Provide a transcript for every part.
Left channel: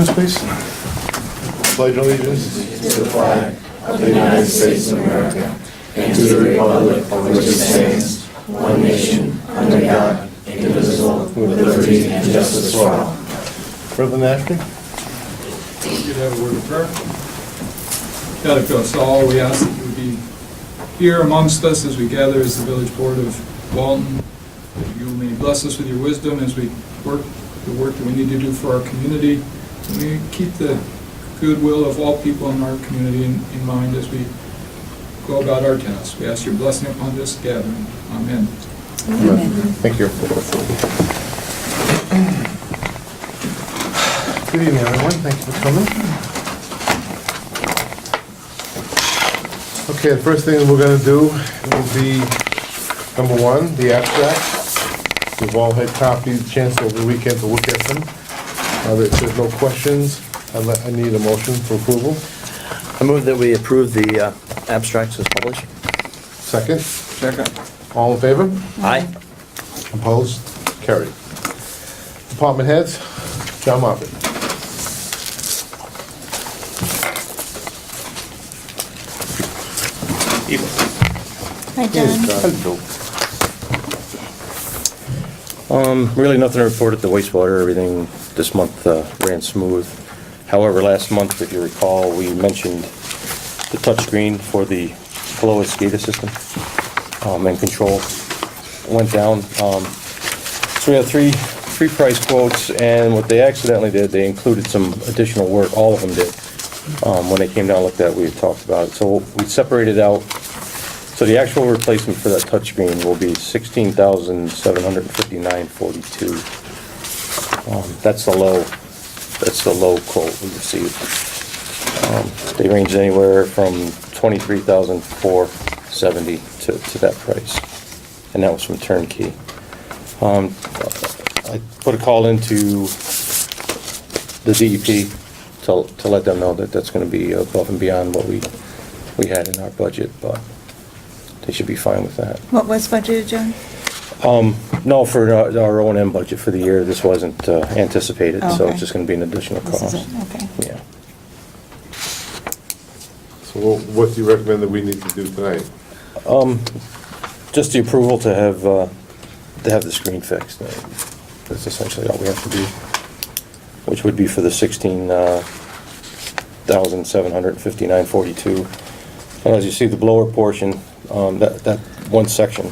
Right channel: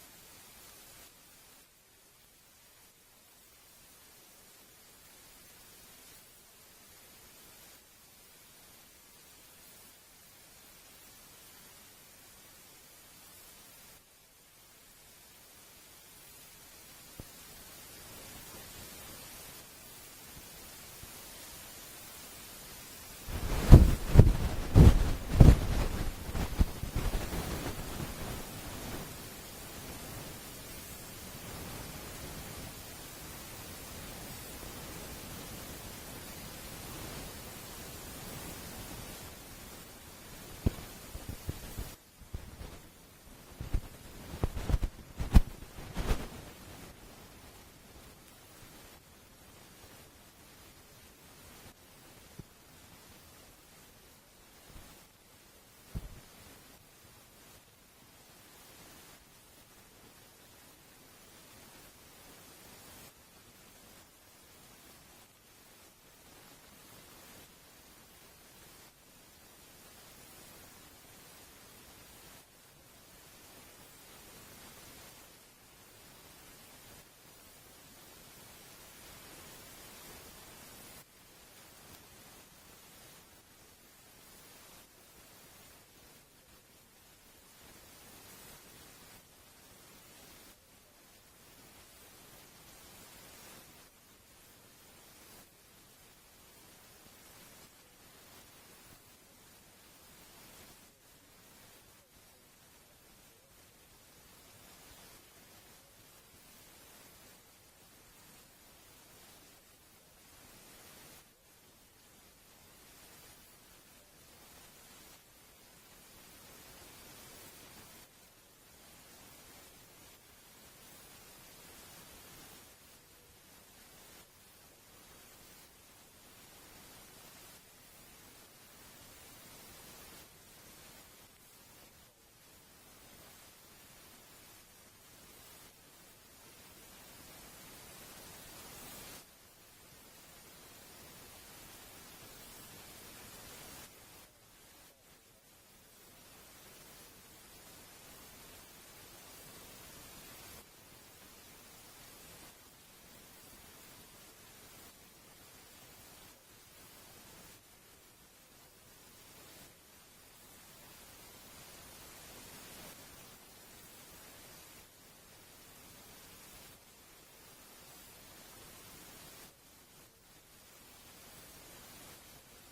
allegiance, please. Pledge allegiance to the flag of the United States of America and to the republic for which it stands, one nation, under God, indivisible, with liberty and justice for all. Reverend Ashby. You'd have a word of prayer. God, if us all, we ask that you would be here amongst us as we gather as the village board of Walton. You may bless us with your wisdom as we work the work that we need to do for our community. And we keep the goodwill of all people in our community in mind as we go about our tasks. We ask your blessing upon this gathering. Amen. Amen. Thank you. Good evening, everyone. Thank you for coming. Okay, the first thing we're going to do will be number one, the abstract. We've all had copies, chance over the weekend to look at them. If there's no questions, I need a motion for approval. I move that we approve the abstracts as published. Second. Second. All in favor? Aye. Opposed? Carried. Department heads, John Moffett. Hi, John. Really nothing to report at the wastewater. Everything this month ran smooth. However, last month, if you recall, we mentioned the touchscreen for the flow SCADA system and control went down. So we had three price quotes, and what they accidentally did, they included some additional work. All of them did. When they came down and looked at it, we had talked about it. So we separated out. So the actual replacement for that touchscreen will be $16,759.42. That's the low quote we received. They ranged anywhere from $23,470 to that price, and that was from Turnkey. I put a call into the DEP to let them know that that's going to be above and beyond what we had in our budget, but they should be fine with that. What was budgeted, John? No, for our O&M budget for the year, this wasn't anticipated, so Okay. it's just going to be an additional This cost. is it, okay. Yeah. So what do you recommend that we need to do tonight? Just the approval to have the screen fixed. That's essentially all we have to do, which would be for the $16,759.42. And as you see, the blower portion, that one section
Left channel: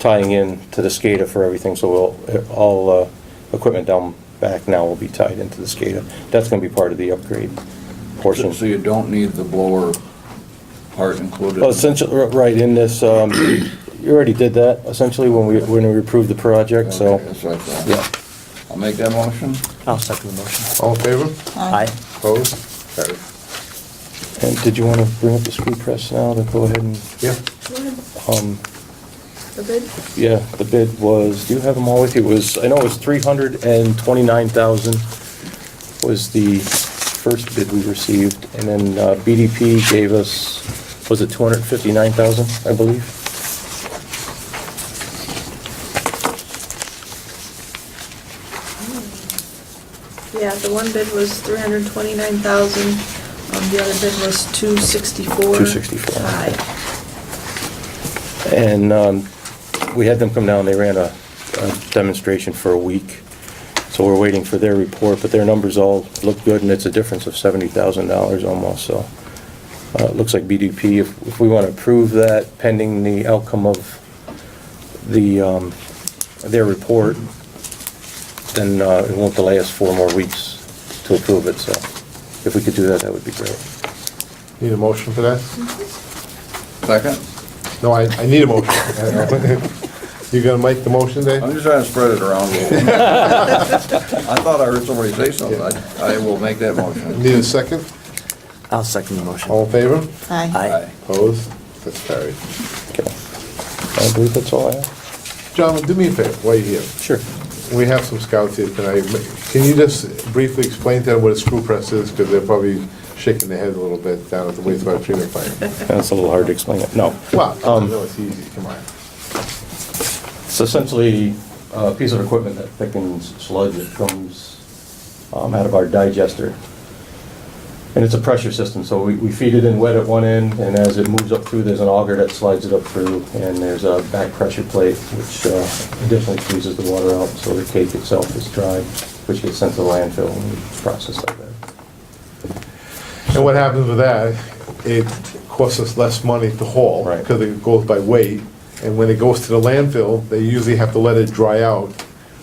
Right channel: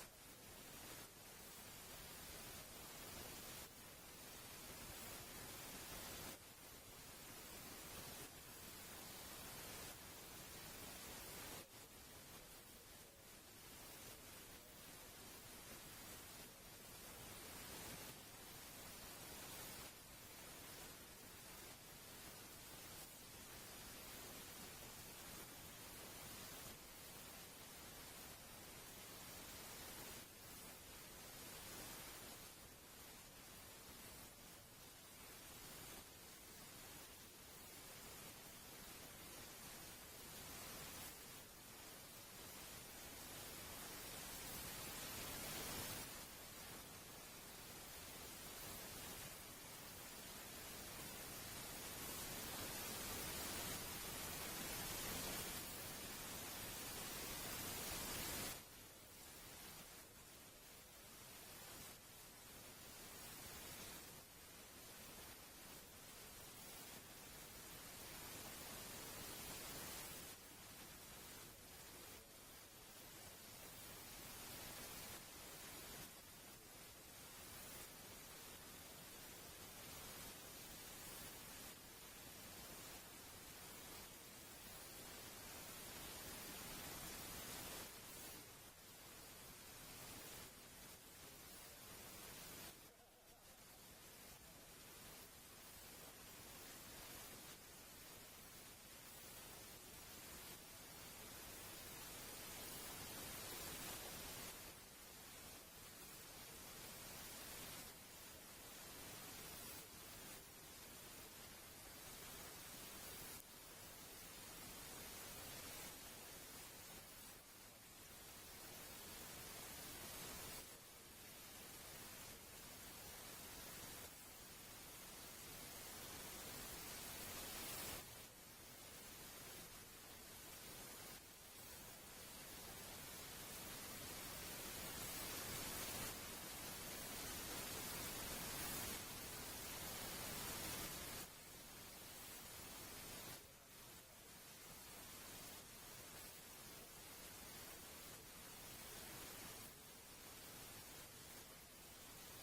tying in to the SCADA for everything, so all equipment down back now will be tied into the SCADA. That's going to be part of the upgrade portion. So you don't need the blower part included? Well, essentially, right in this, you already did that, essentially, when we approved the project, so. Okay, that's what I thought. Yeah. I'll make that motion. I'll second the motion. All in favor? Aye. Opposed? Carried. And did you want to bring up the screw press now to go ahead and, Yeah. The bid? yeah, the bid was, do you have them all with you? I know it was $329,000 was the first bid we received, and then BDP gave us, was it $259,000, I believe? Yeah, the one bid was 329,000. The other bid was 264. 264. High. And we had them come down, they ran a demonstration for a week. So we're waiting for their report, but their numbers all look good, and it's a difference of $70,000 almost, so. It looks like BDP, if we want to approve that pending the outcome of their report, then it won't delay us 4 more weeks to approve it, so if we could do that, that would be great. Need a motion for that? Second? No, I need a motion. You gonna make the motion, Dave? I'm just trying to spread it around a little bit. I thought I heard somebody say something. I will make that motion. Need a second? I'll second the motion. All in favor? Aye. Aye. Opposed? That's carried. Okay. I believe that's all I have. John, do me a favor, while you're here. Sure. We have some scouts here tonight. Can you just briefly explain to them what a screw press is? Because they're probably shaking their head a little bit down at the wastewater treatment plant. That's a little hard to explain it. No. Well, no, it's easy, come on. It's essentially a piece of equipment that thickens sludge that comes out of our digester. And it's a pressure system, so we feed it in wet at one end, and as it moves up through, there's an auger that slides it up through, and there's a back pressure plate, which additionally freezes the water out, so the cake itself is dry, which gets sent to the landfill and processed like that. And what happens with that, it costs us less money to haul, Right. because it goes by weight. And when it goes to the landfill, they usually have to let it dry out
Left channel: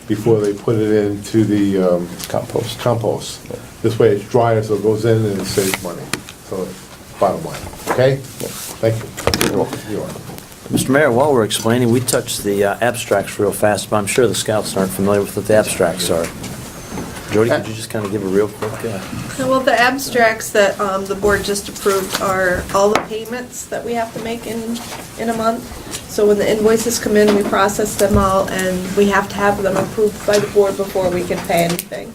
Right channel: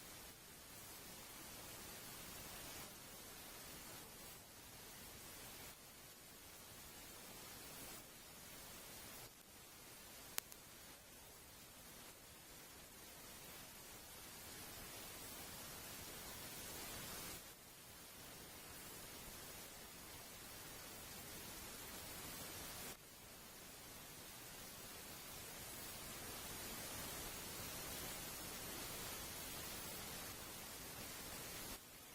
before they put it into the compost. This way it's drier, so it goes in and it saves money. So, bottom line, okay? Thank you. You're welcome. You are. Mr. Mayor, while we're explaining, we touched the abstracts real fast, but I'm sure the scouts aren't familiar with what the abstracts are. Jody, could you just kind of give a real quick? Well, the abstracts that the board just approved are all the payments that we have to make in a month. So when the invoices come in, we process them all, and we have to have them approved by the board before we can pay anything.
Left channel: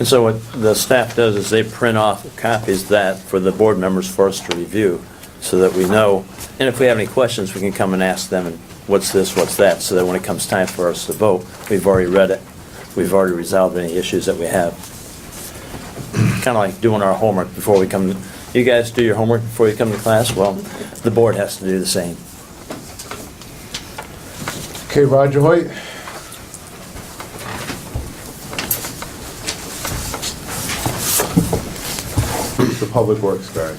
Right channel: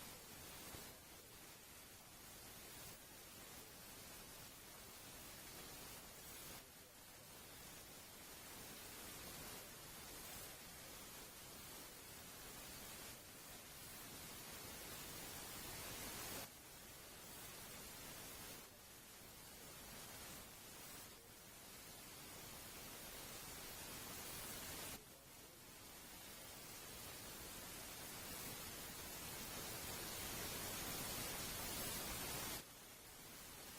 And so what the staff does is they print off copies of that for the board members for us to review, so that we know, and if we have any questions, we can come and ask them, and what's this, what's that, so that when it comes time for us to vote, we've already read it, we've already resolved any issues that we have. Kind of like doing our homework before we come. You guys do your homework before you come to class? Well, the board has to do the same. Okay, Roger Hoyt? The Public Works guy.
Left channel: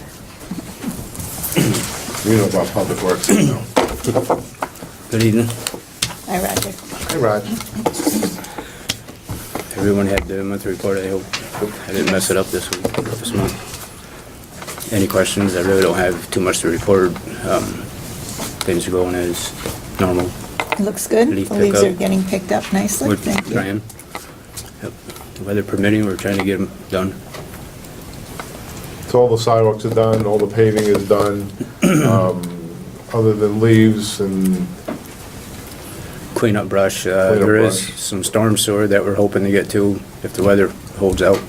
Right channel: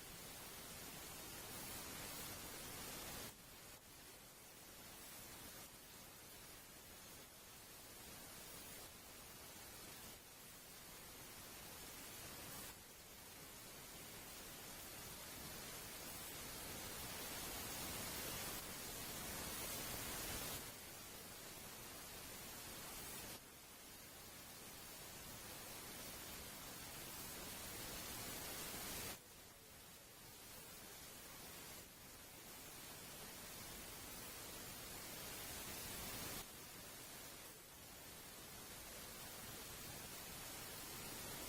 You know about Public Works, you know. Good evening. Hi, Roger. Hey, Raj. Everyone had the monthly report, I hope. I didn't mess it up this month. Any questions? I really don't have too much to report. Things are going as normal. It looks good. Leaf The leaves pickup. are getting picked up nicely. We're Thank you. trying. Yep. The weather permitting, we're trying to get them done. So all the sidewalks are done, all the paving is done, other than leaves and, Clean up brush. Clean up There is brush. some storm sewer that we're hoping to get to if the weather holds out.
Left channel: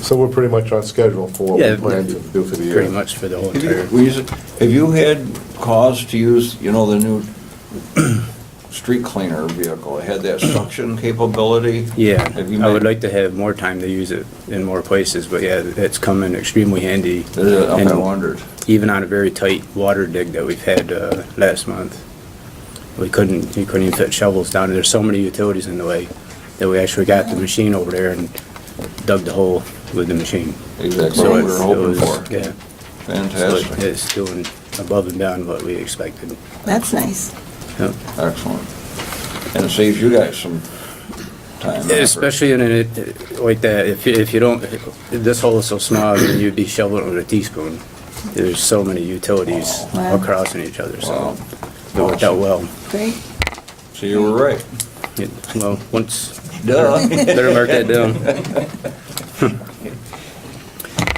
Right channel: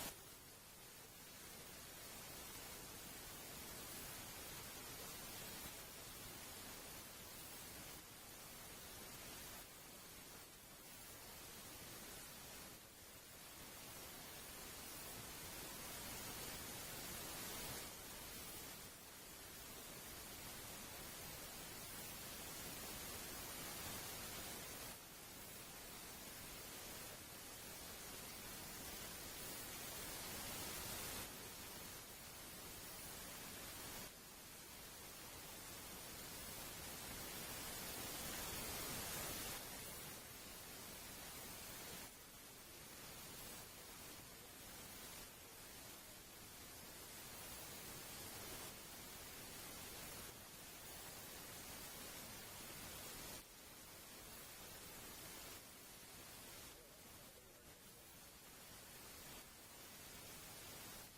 so we're pretty much on schedule for what Yeah, we plan to do for the year. Pretty much for the whole Have entire. you had cause to use, the new street cleaner vehicle? It had that suction capability? Yeah, Have you I would made- like to have more time to use it in more places, but yeah, it's come in extremely handy. I And wondered. even on a very tight water dig that we've had last month, we couldn't even fit shovels down. There's so many utilities in the way that we actually got the machine over there and dug the hole with the machine. Exactly So what it- we were it hoping was- for. Yeah, so Fantastic. it's doing above and beyond what we expected. That's nice. Yep. Excellent. And it saves you guys some time. and effort. Especially in it like that, if you don't, this hole is so small, I mean, you'd be shoveling with a teaspoon. There's so many utilities Wow. across in each other, so Wow. it worked out well. Great. So you were right. Well, once, Duh. better mark that down.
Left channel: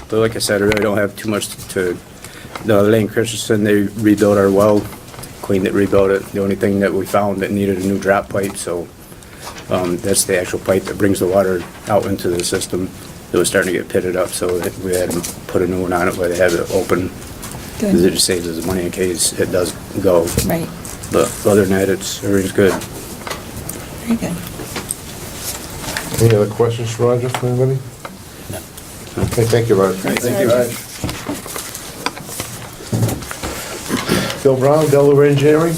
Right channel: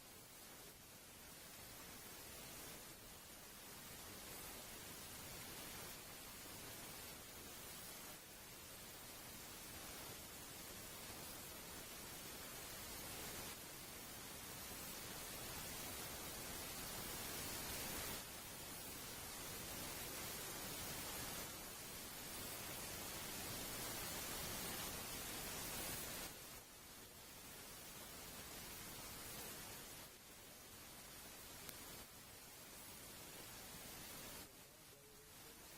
But like I said, I really don't have too much to, Lane Christensen, they rebuilt our well, cleaned it, rebuilt it. The only thing that we found that needed a new drop pipe, so that's the actual pipe that brings the water out into the system. It was starting to get pitted up, so that we had to put a new one on it where they have it open. Because it Good. just saves us money in case it does go. Right. But other than that, everything's good. Very good. Any other questions for Roger, from anybody? No. Okay, thank you, Roger. Thanks, Thank you. Roger. Bill Brown, Delaware Engineering.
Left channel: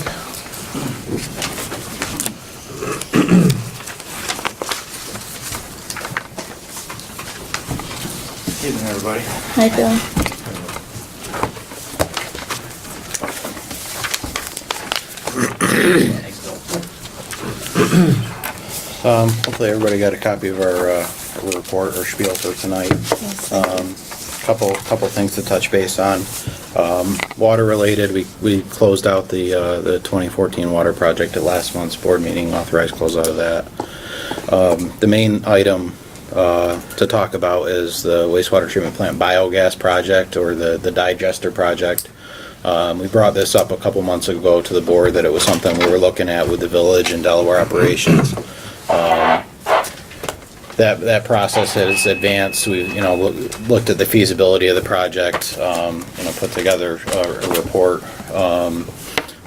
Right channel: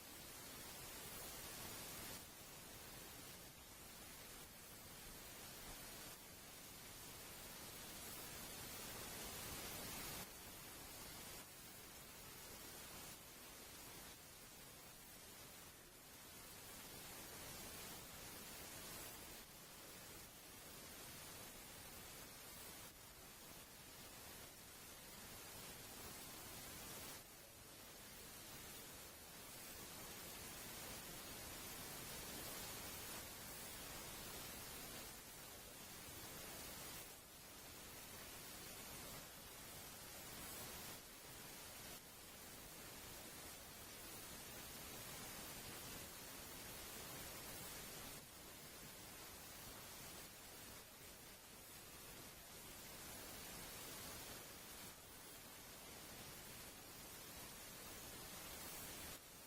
Evening, everybody. Hi, Bill. Hopefully everybody got a copy of our report or spiel for tonight. Yes, thank you. Couple things to touch base on. Water related, we closed out the 2014 water project at last month's board meeting, authorized closeout of that. The main item to talk about is the wastewater treatment plant biogas project, or the digester project. We brought this up a couple months ago to the board that it was something we were looking at with the village and Delaware operations. That process has advanced. We, looked at the feasibility of the project, put together a report,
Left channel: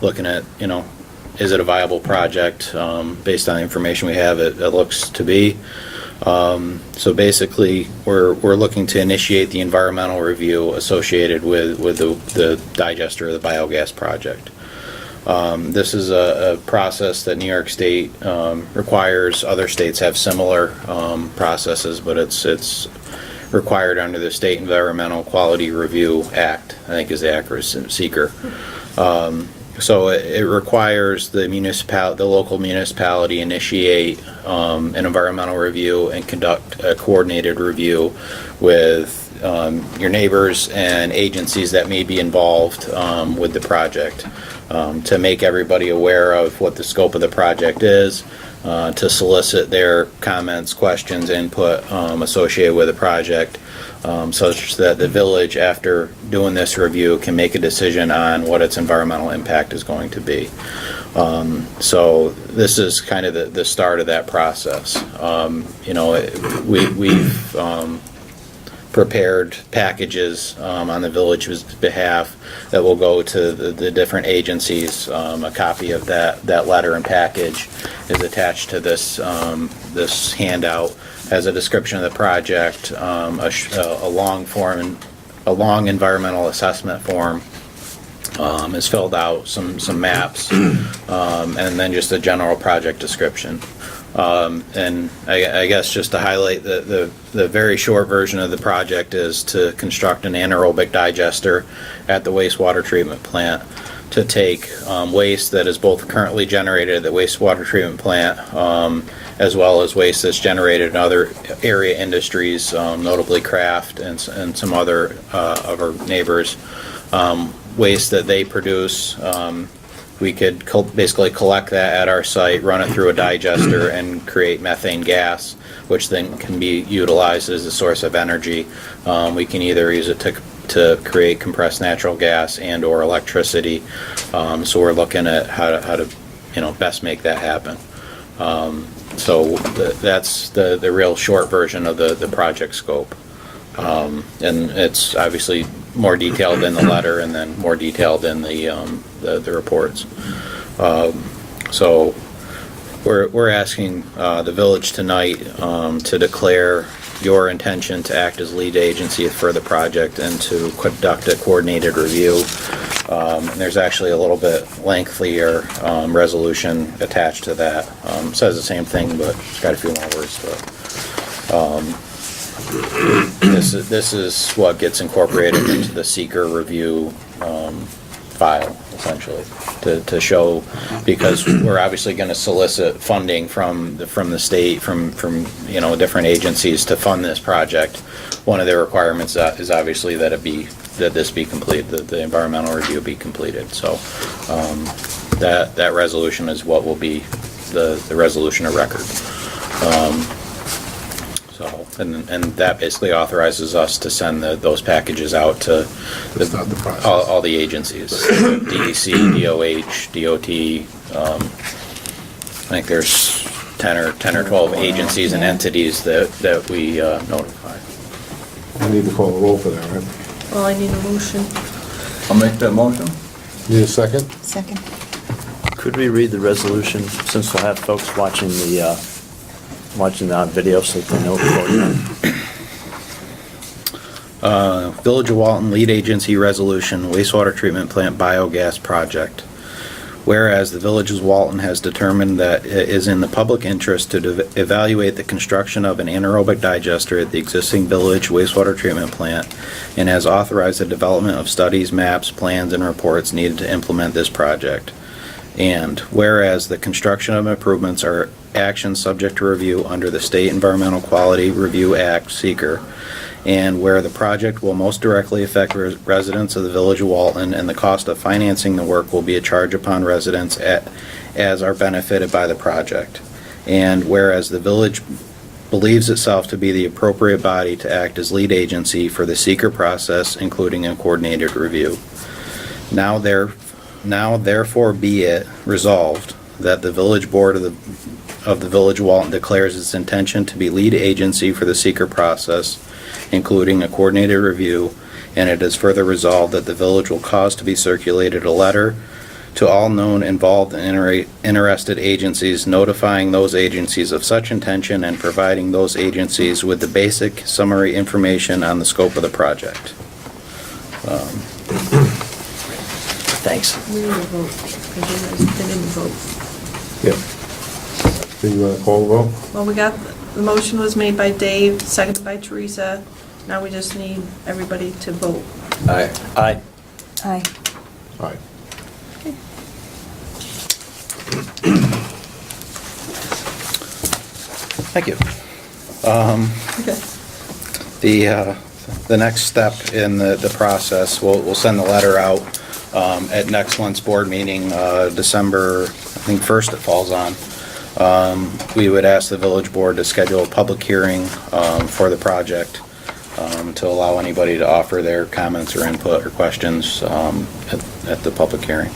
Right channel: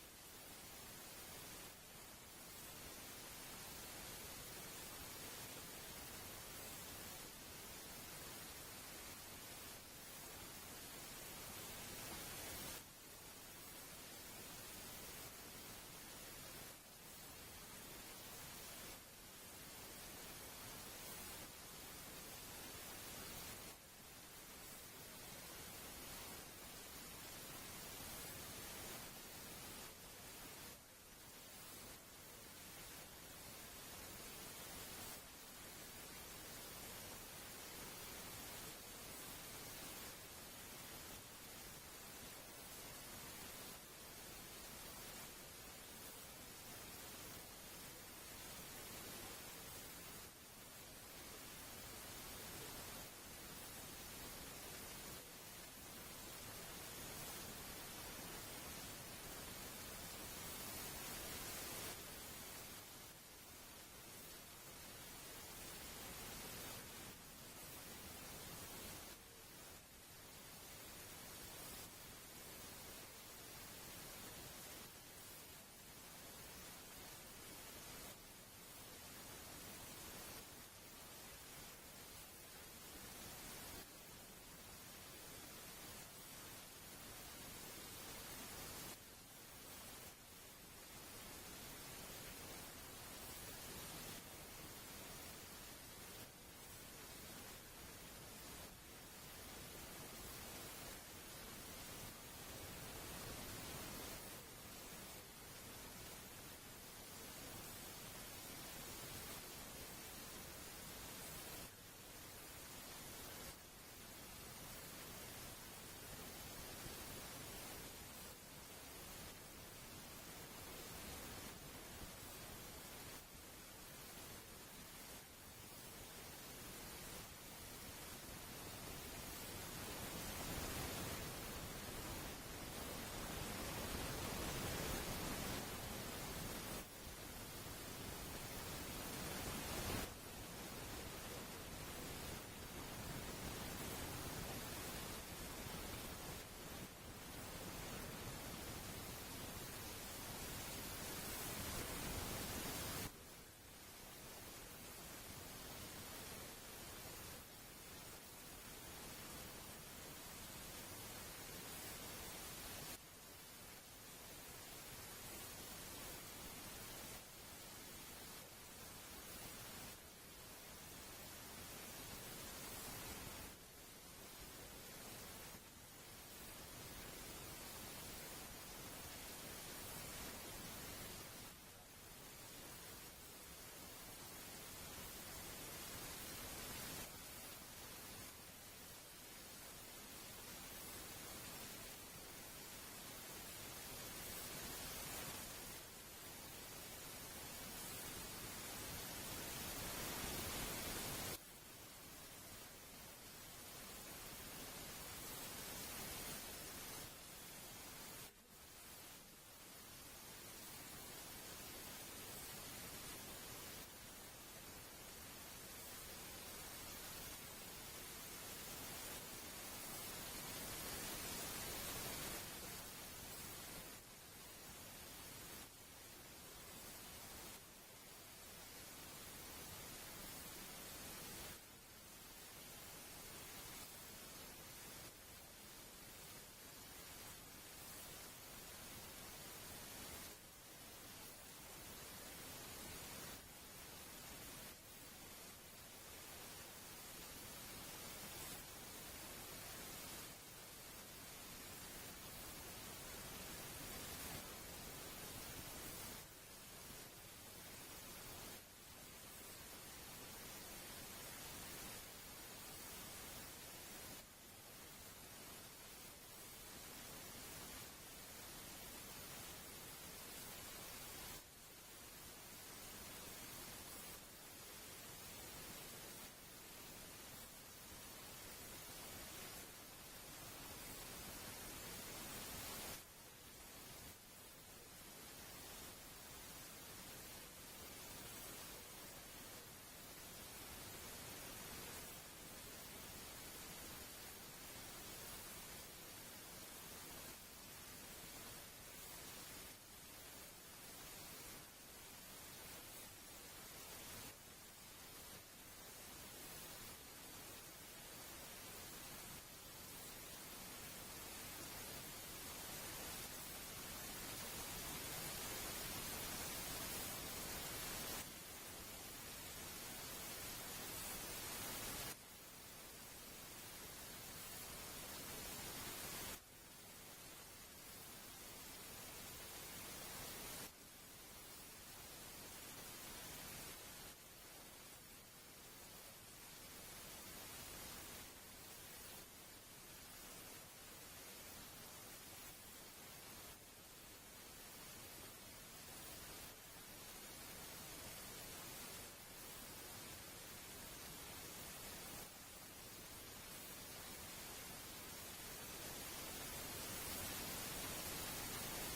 looking at, is it a viable project? Based on the information we have, it looks to be. So basically, we're looking to initiate the environmental review associated with the digester of the biogas project. This is a process that New York State requires. Other states have similar processes, but it's required under the State Environmental Quality Review Act, I think is the accurate seeker. So it requires the local municipality initiate an environmental review and conduct a coordinated review with your neighbors and agencies that may be involved with the project, to make everybody aware of what the scope of the project is, to solicit their comments, questions, input associated with the project, such that the village, after doing this review, can make a decision on what its environmental impact is going to be. So this is kind of the start of that process. We've prepared packages on the village's behalf that will go to the different agencies. A copy of that letter and package is attached to this this handout. Has a description of the project, a long environmental assessment form is filled out, some maps, and then just a general project description. And I guess just to highlight the very short version of the project is to construct an anaerobic digester at the wastewater treatment plant to take waste that is both currently generated at the wastewater treatment plant, as well as waste that's generated in other area industries, notably craft and some other of our neighbors. Waste that they produce, we could basically collect that at our site, run it through a digester, and create methane gas, which then can be utilized as a source of energy. We can either use it to create compressed natural gas and or electricity. So we're looking at how to best make that happen. So that's the real short version of the project scope. And it's obviously more detailed in the letter and then more detailed in the reports. So we're asking the village tonight to declare your intention to act as lead agency for the project and to conduct a coordinated review. And there's actually a little bit lengthier resolution attached to that. Says the same thing, but it's got a few more words to it. This is what gets incorporated into the seeker review file, essentially, to show, because we're obviously going to solicit funding from the state, from different agencies to fund this project. One of their requirements is obviously that this be completed, that the environmental review be completed. So that resolution is what will be the resolution of record. And that basically authorizes us to send those packages out to Start the process. all the agencies, DEC, DOH, DOT. I think there's 10 or 12 agencies and entities that we notify. I need to call a roll for that, right? Well, I need a motion. I'll make that motion. Need a second? Second. Could we read the resolution, since we'll have folks watching the video so they know what we're doing? Village of Walton Lead Agency Resolution Wastewater Treatment Plant Biogas Project. Whereas the Village of Walton has determined that it is in the public interest to evaluate the construction of an anaerobic digester at the existing village wastewater treatment plant and has authorized the development of studies, maps, plans, and reports needed to implement this project. And whereas the construction of improvements are actions subject to review under the State Environmental Quality Review Act, seeker, and where the project will most directly affect residents of the Village of Walton and the cost of financing the work will be a charge upon residents as are benefited by the project. And whereas the village believes itself to be the appropriate body to act as lead agency for the seeker process, including a coordinated review. Now therefore be it resolved that the village board of the Village of Walton declares its intention to be lead agency for the seeker process, including a coordinated review, and it is further resolved that the village will cause to be circulated a letter to all known involved and interested agencies, notifying those agencies of such intention and providing those agencies with the basic summary information on the scope of the project. Thanks. We need a vote, because they didn't vote. Yeah. Do you want to call the vote? Well, we got, the motion was made by Dave, seconded by Teresa. Now we just need everybody to vote. Aye. Aye. Aye. Aye. Thank you. Okay. The next step in the process, we'll send the letter out at next month's board meeting, December, I think 1st it falls on. We would ask the village board to schedule a public hearing for the project to allow anybody to offer their comments or input or questions at the public hearing.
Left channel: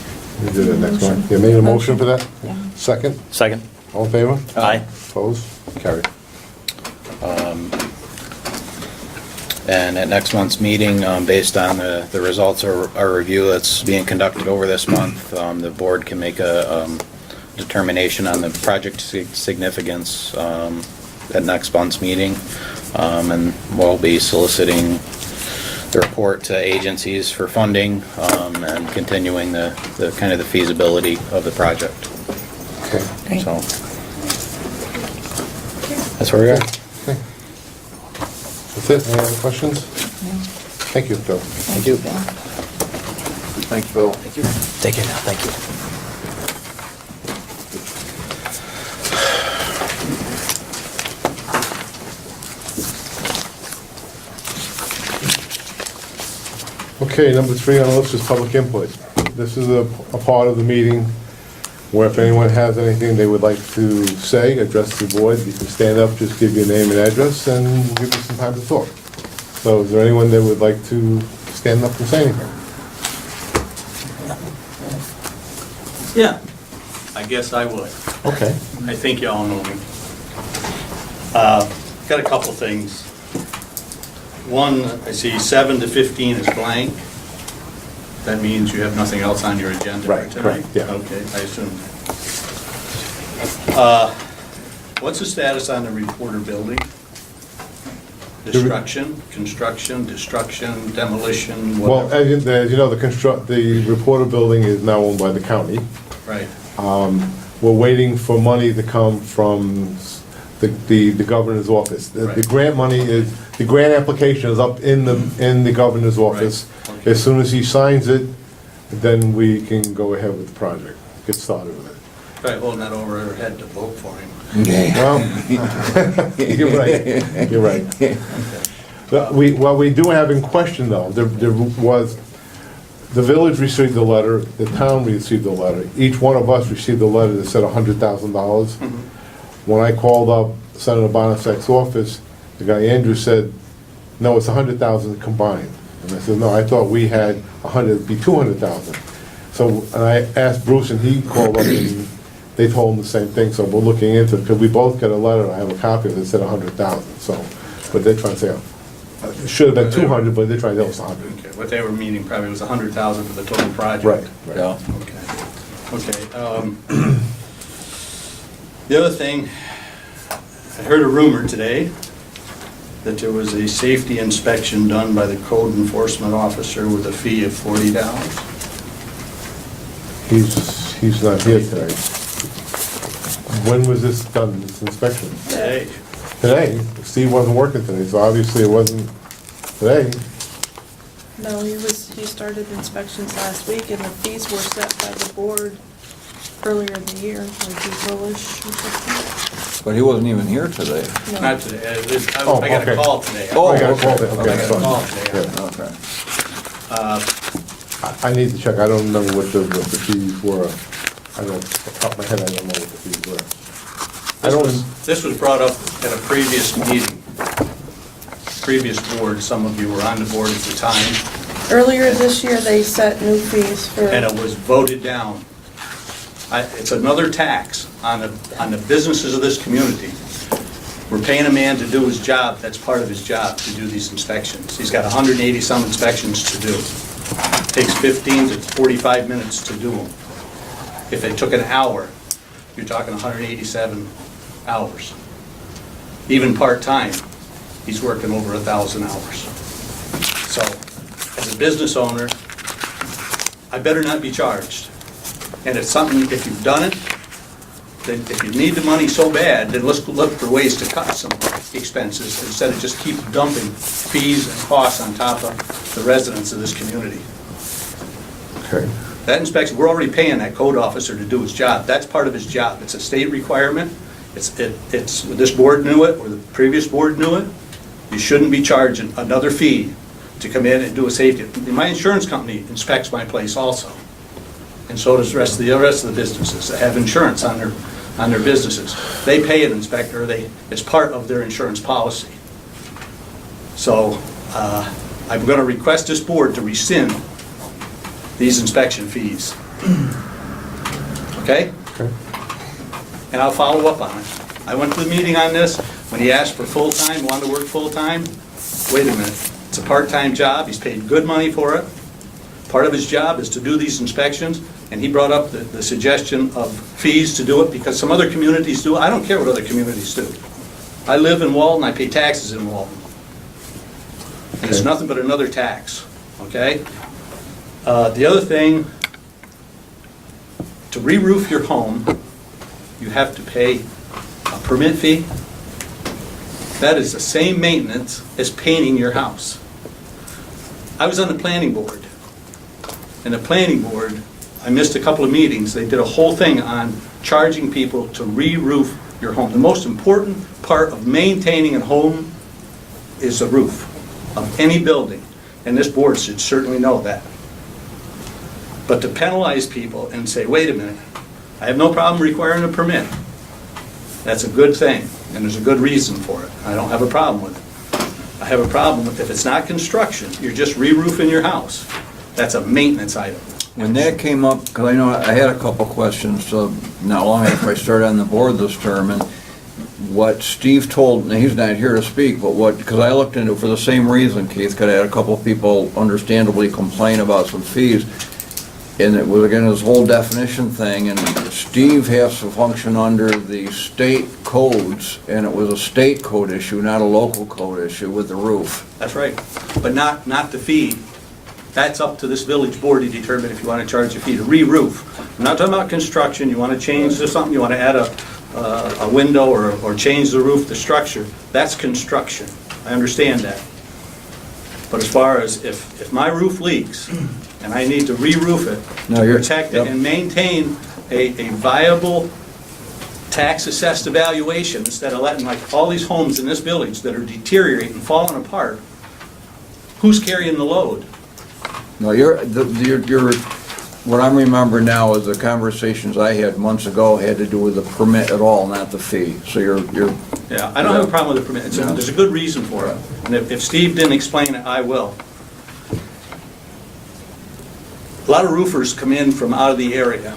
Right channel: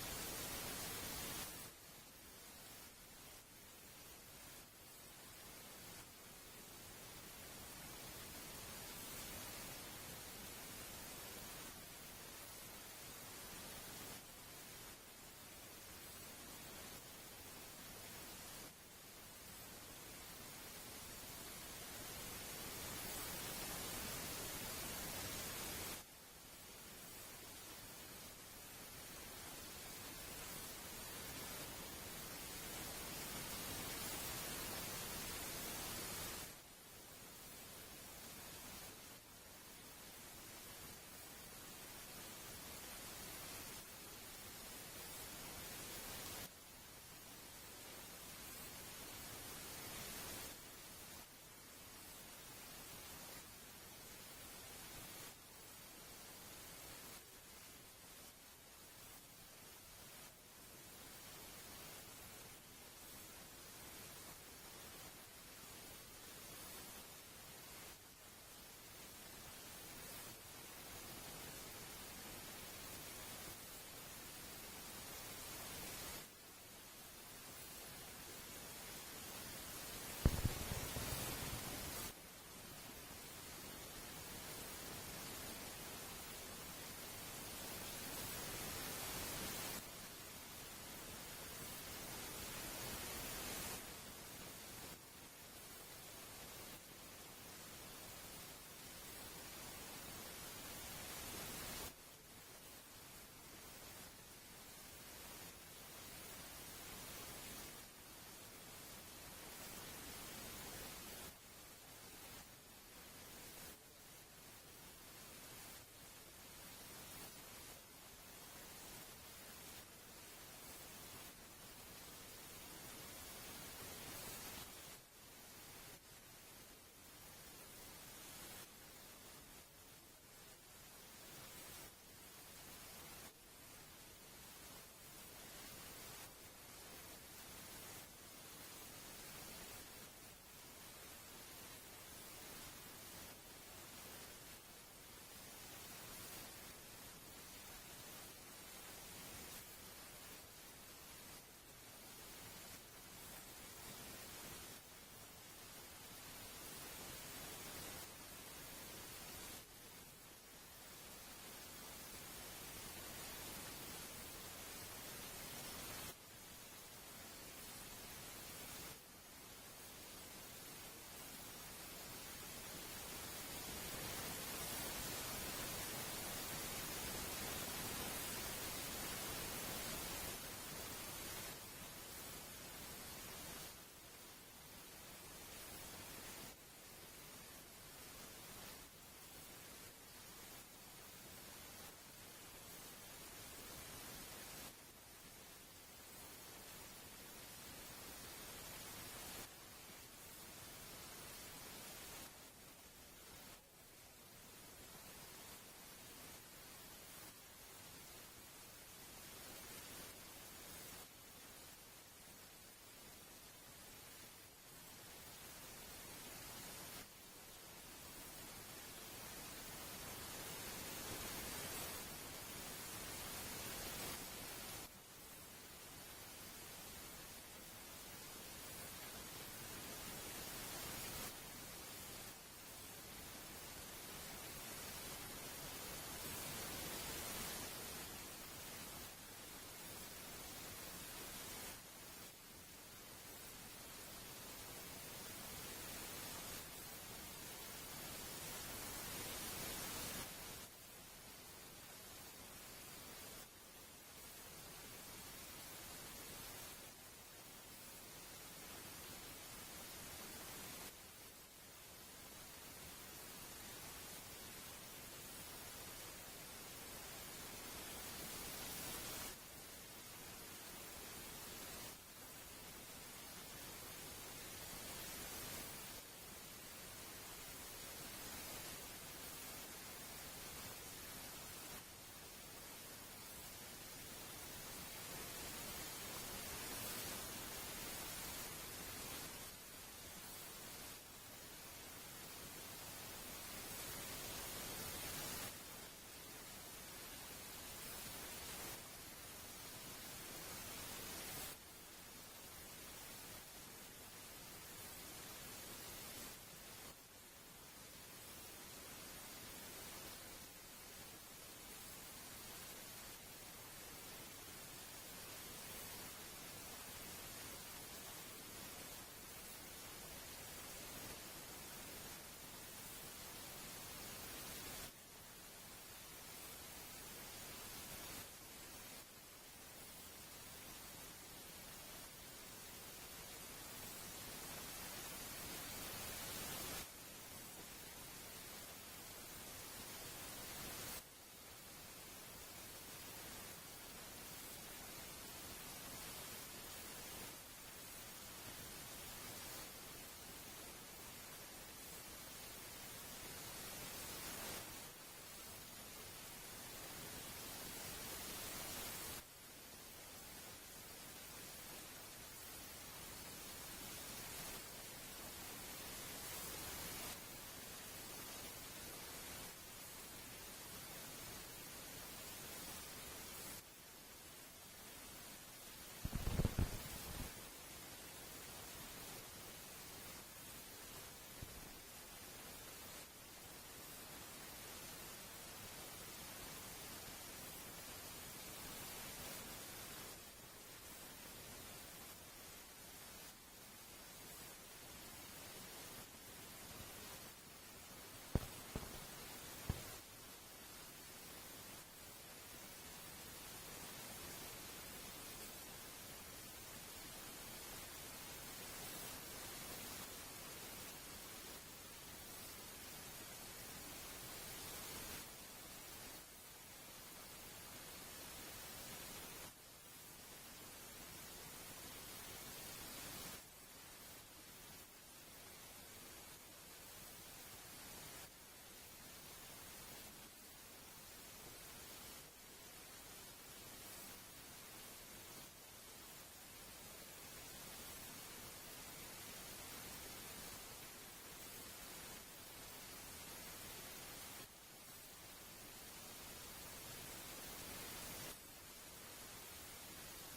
We do that next one. You made a motion for that? Yeah. Second? Second? All in favor? Aye. Opposed? Carried. And at next month's meeting, based on the results of our review that's being conducted over this month, the board can make a determination on the project significance at next month's meeting. And we'll be soliciting the report to agencies for funding and continuing the kind of the feasibility of the project. Okay. Great. So that's where we are. Okay. That's it. Any other questions? No. Thank you, Bill. Thank you, Bill. Thanks, Bill. Take care now, thank you. Okay, number 3 on the list is public input. This is a part of the meeting where if anyone has anything they would like to say, address the board, you can stand up, just give your name and address, and give you some time to talk. So is there anyone that would like to stand up and say anything? Yeah, I guess I would. Okay. I think you all know me. Got a couple things. One, I see 7 to 15 is blank. That means you have nothing else on your agenda for Right, tonight? correct, yeah. Okay, I assume. What's the status on the reporter building? Destruction, construction, destruction, demolition, Well, whatever? as you know, the reporter building is now owned by the county. Right, We're waiting for money to come from the governor's office. The Right. grant money is, the grant application is up in the governor's office. Right, okay. As soon as he signs it, then we can go ahead with the project, get started with it. probably holding that over her head to vote for him. Well, you're right, you're right. Well, we do have in question though, there was, the village received a letter, the town received a letter. Each one of us received a letter that said $100,000. When I called up Senator Bonasek's office, the guy Andrew said, no, it's 100,000 combined. And I said, no, I thought we had 100, it'd be 200,000. So, and I asked Bruce and he called up and they told him the same thing, so we're looking into it, because we both got a letter, I have a copy of it, that said 100,000, so, but they're trying to say, it should have been 200, but they're trying to tell us 100. Okay, what they were meaning probably was 100,000 for the total project. Right, right. Yeah. Okay. The other thing, I heard a rumor today that there was a safety inspection done by the code enforcement officer with a fee of $40. He's not here today. When was this done, this inspection? Today. Today? Steve wasn't working today, so obviously it wasn't today. No, he started inspections last week, and the fees were set by the board earlier in the year, like April-ish or something. But he wasn't even here today. No. Not today, I Oh, got a okay. call today. Oh, I got a okay. call, okay, I got a sorry. call today. Yeah. Okay. I need to check, I don't remember what the fees were. I don't, off the top of my head, I don't know what the fees were. I don't, This was brought up at a previous meeting, previous board, some of you were on the board at the time, Earlier this year, they set new fees for. and it was voted down. It's another tax on the businesses of this community. We're paying a man to do his job, that's part of his job, to do these inspections. He's got 180-some inspections to do. Takes 15 to 45 minutes to do them. If it took an hour, you're talking 187 hours. Even part-time, he's working over 1,000 hours. So, as a business owner, I better not be charged. And if if you've done it, then if you need the money so bad, then let's look for ways to cut some expenses instead of just keep dumping fees and costs on top of the residents of this community. Okay. That inspection, we're already paying that code officer to do his job. That's part of his job. It's a state requirement. This board knew it, or the previous board knew it. You shouldn't be charging another fee to come in and do a safety. My insurance company inspects my place also. And so does the rest of the businesses that have insurance on their businesses. They pay an inspector, it's part of their insurance policy. So I'm going to request this board to rescind these inspection fees. Okay? Okay. And I'll follow up on it. I went to the meeting on this, when he asked for full-time, wanted to work full-time. Wait a minute, it's a part-time job, he's paid good money for it. Part of his job is to do these inspections, and he brought up the suggestion of fees to do it because some other communities do it. I don't care what other communities do. I live in Walton, I pay taxes in Walton. And it's Okay. nothing but another tax, okay? The other thing, to re-roof your home, you have to pay a permit fee. That is the same maintenance as painting your house. I was on the planning board. And the planning board, I missed a couple of meetings, they did a whole thing on charging people to re-roof your home. The most important part of maintaining a home is the roof of any building, and this board should certainly know that. But to penalize people and say, wait a minute, I have no problem requiring a permit, that's a good thing, and there's a good reason for it. I don't have a problem with it. I have a problem with if it's not construction, you're just re-roofing your house. That's a maintenance item. When that came up, because I know I had a couple questions, not long after I started on the board this term, and what Steve told, now he's not here to speak, but because I looked into it for the same reason, Keith, because I had a couple of people understandably complain about some fees, and it was, again, this whole definition thing, and Steve has to function under the state codes, and it was a state code issue, not a local code issue with the roof. That's right, but not the fee. That's up to this village board to determine if you want to charge a fee to re-roof. I'm not talking about construction, you want to change to something, you want to add a window or change the roof, the structure, that's construction. I understand that. But as far as if my roof leaks and I need to re-roof it, No, to you're- protect it yep. and maintain a viable tax-assessed evaluation, instead of letting like all these homes in this village that are deteriorating, falling apart, who's carrying the load? No, what I'm remembering now is the conversations I had months ago had to do with the permit at all, not the fee. So you're, Yeah, I don't have a problem with the permit. There's a good reason for it. And if Steve didn't explain it, I will. A lot of roofers come in from out of the area.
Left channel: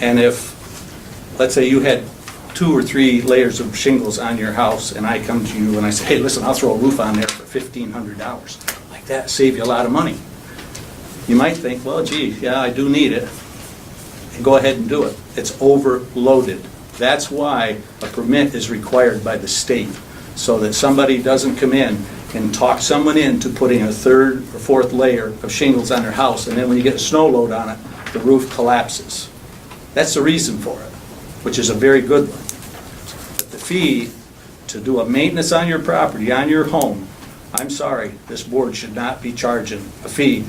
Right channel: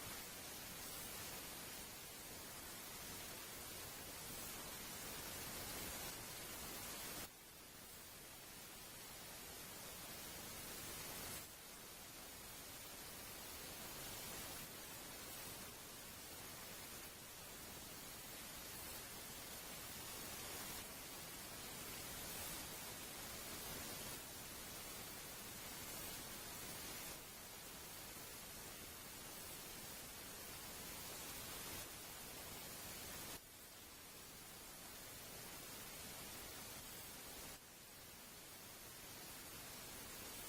And if, let's say you had 2 or 3 layers of shingles on your house, and I come to you and I say, hey, listen, I'll throw a roof on there for $1,500. Like that, save you a lot of money. You might think, well, gee, yeah, I do need it. And go ahead and do it. It's overloaded. That's why a permit is required by the state, so that somebody doesn't come in and talk someone into putting a 3rd or 4th layer of shingles on their house, and then when you get a snow load on it, the roof collapses. That's the reason for it, which is a very good one. But the fee to do a maintenance on your property, on your home, I'm sorry, this board should not be charging a fee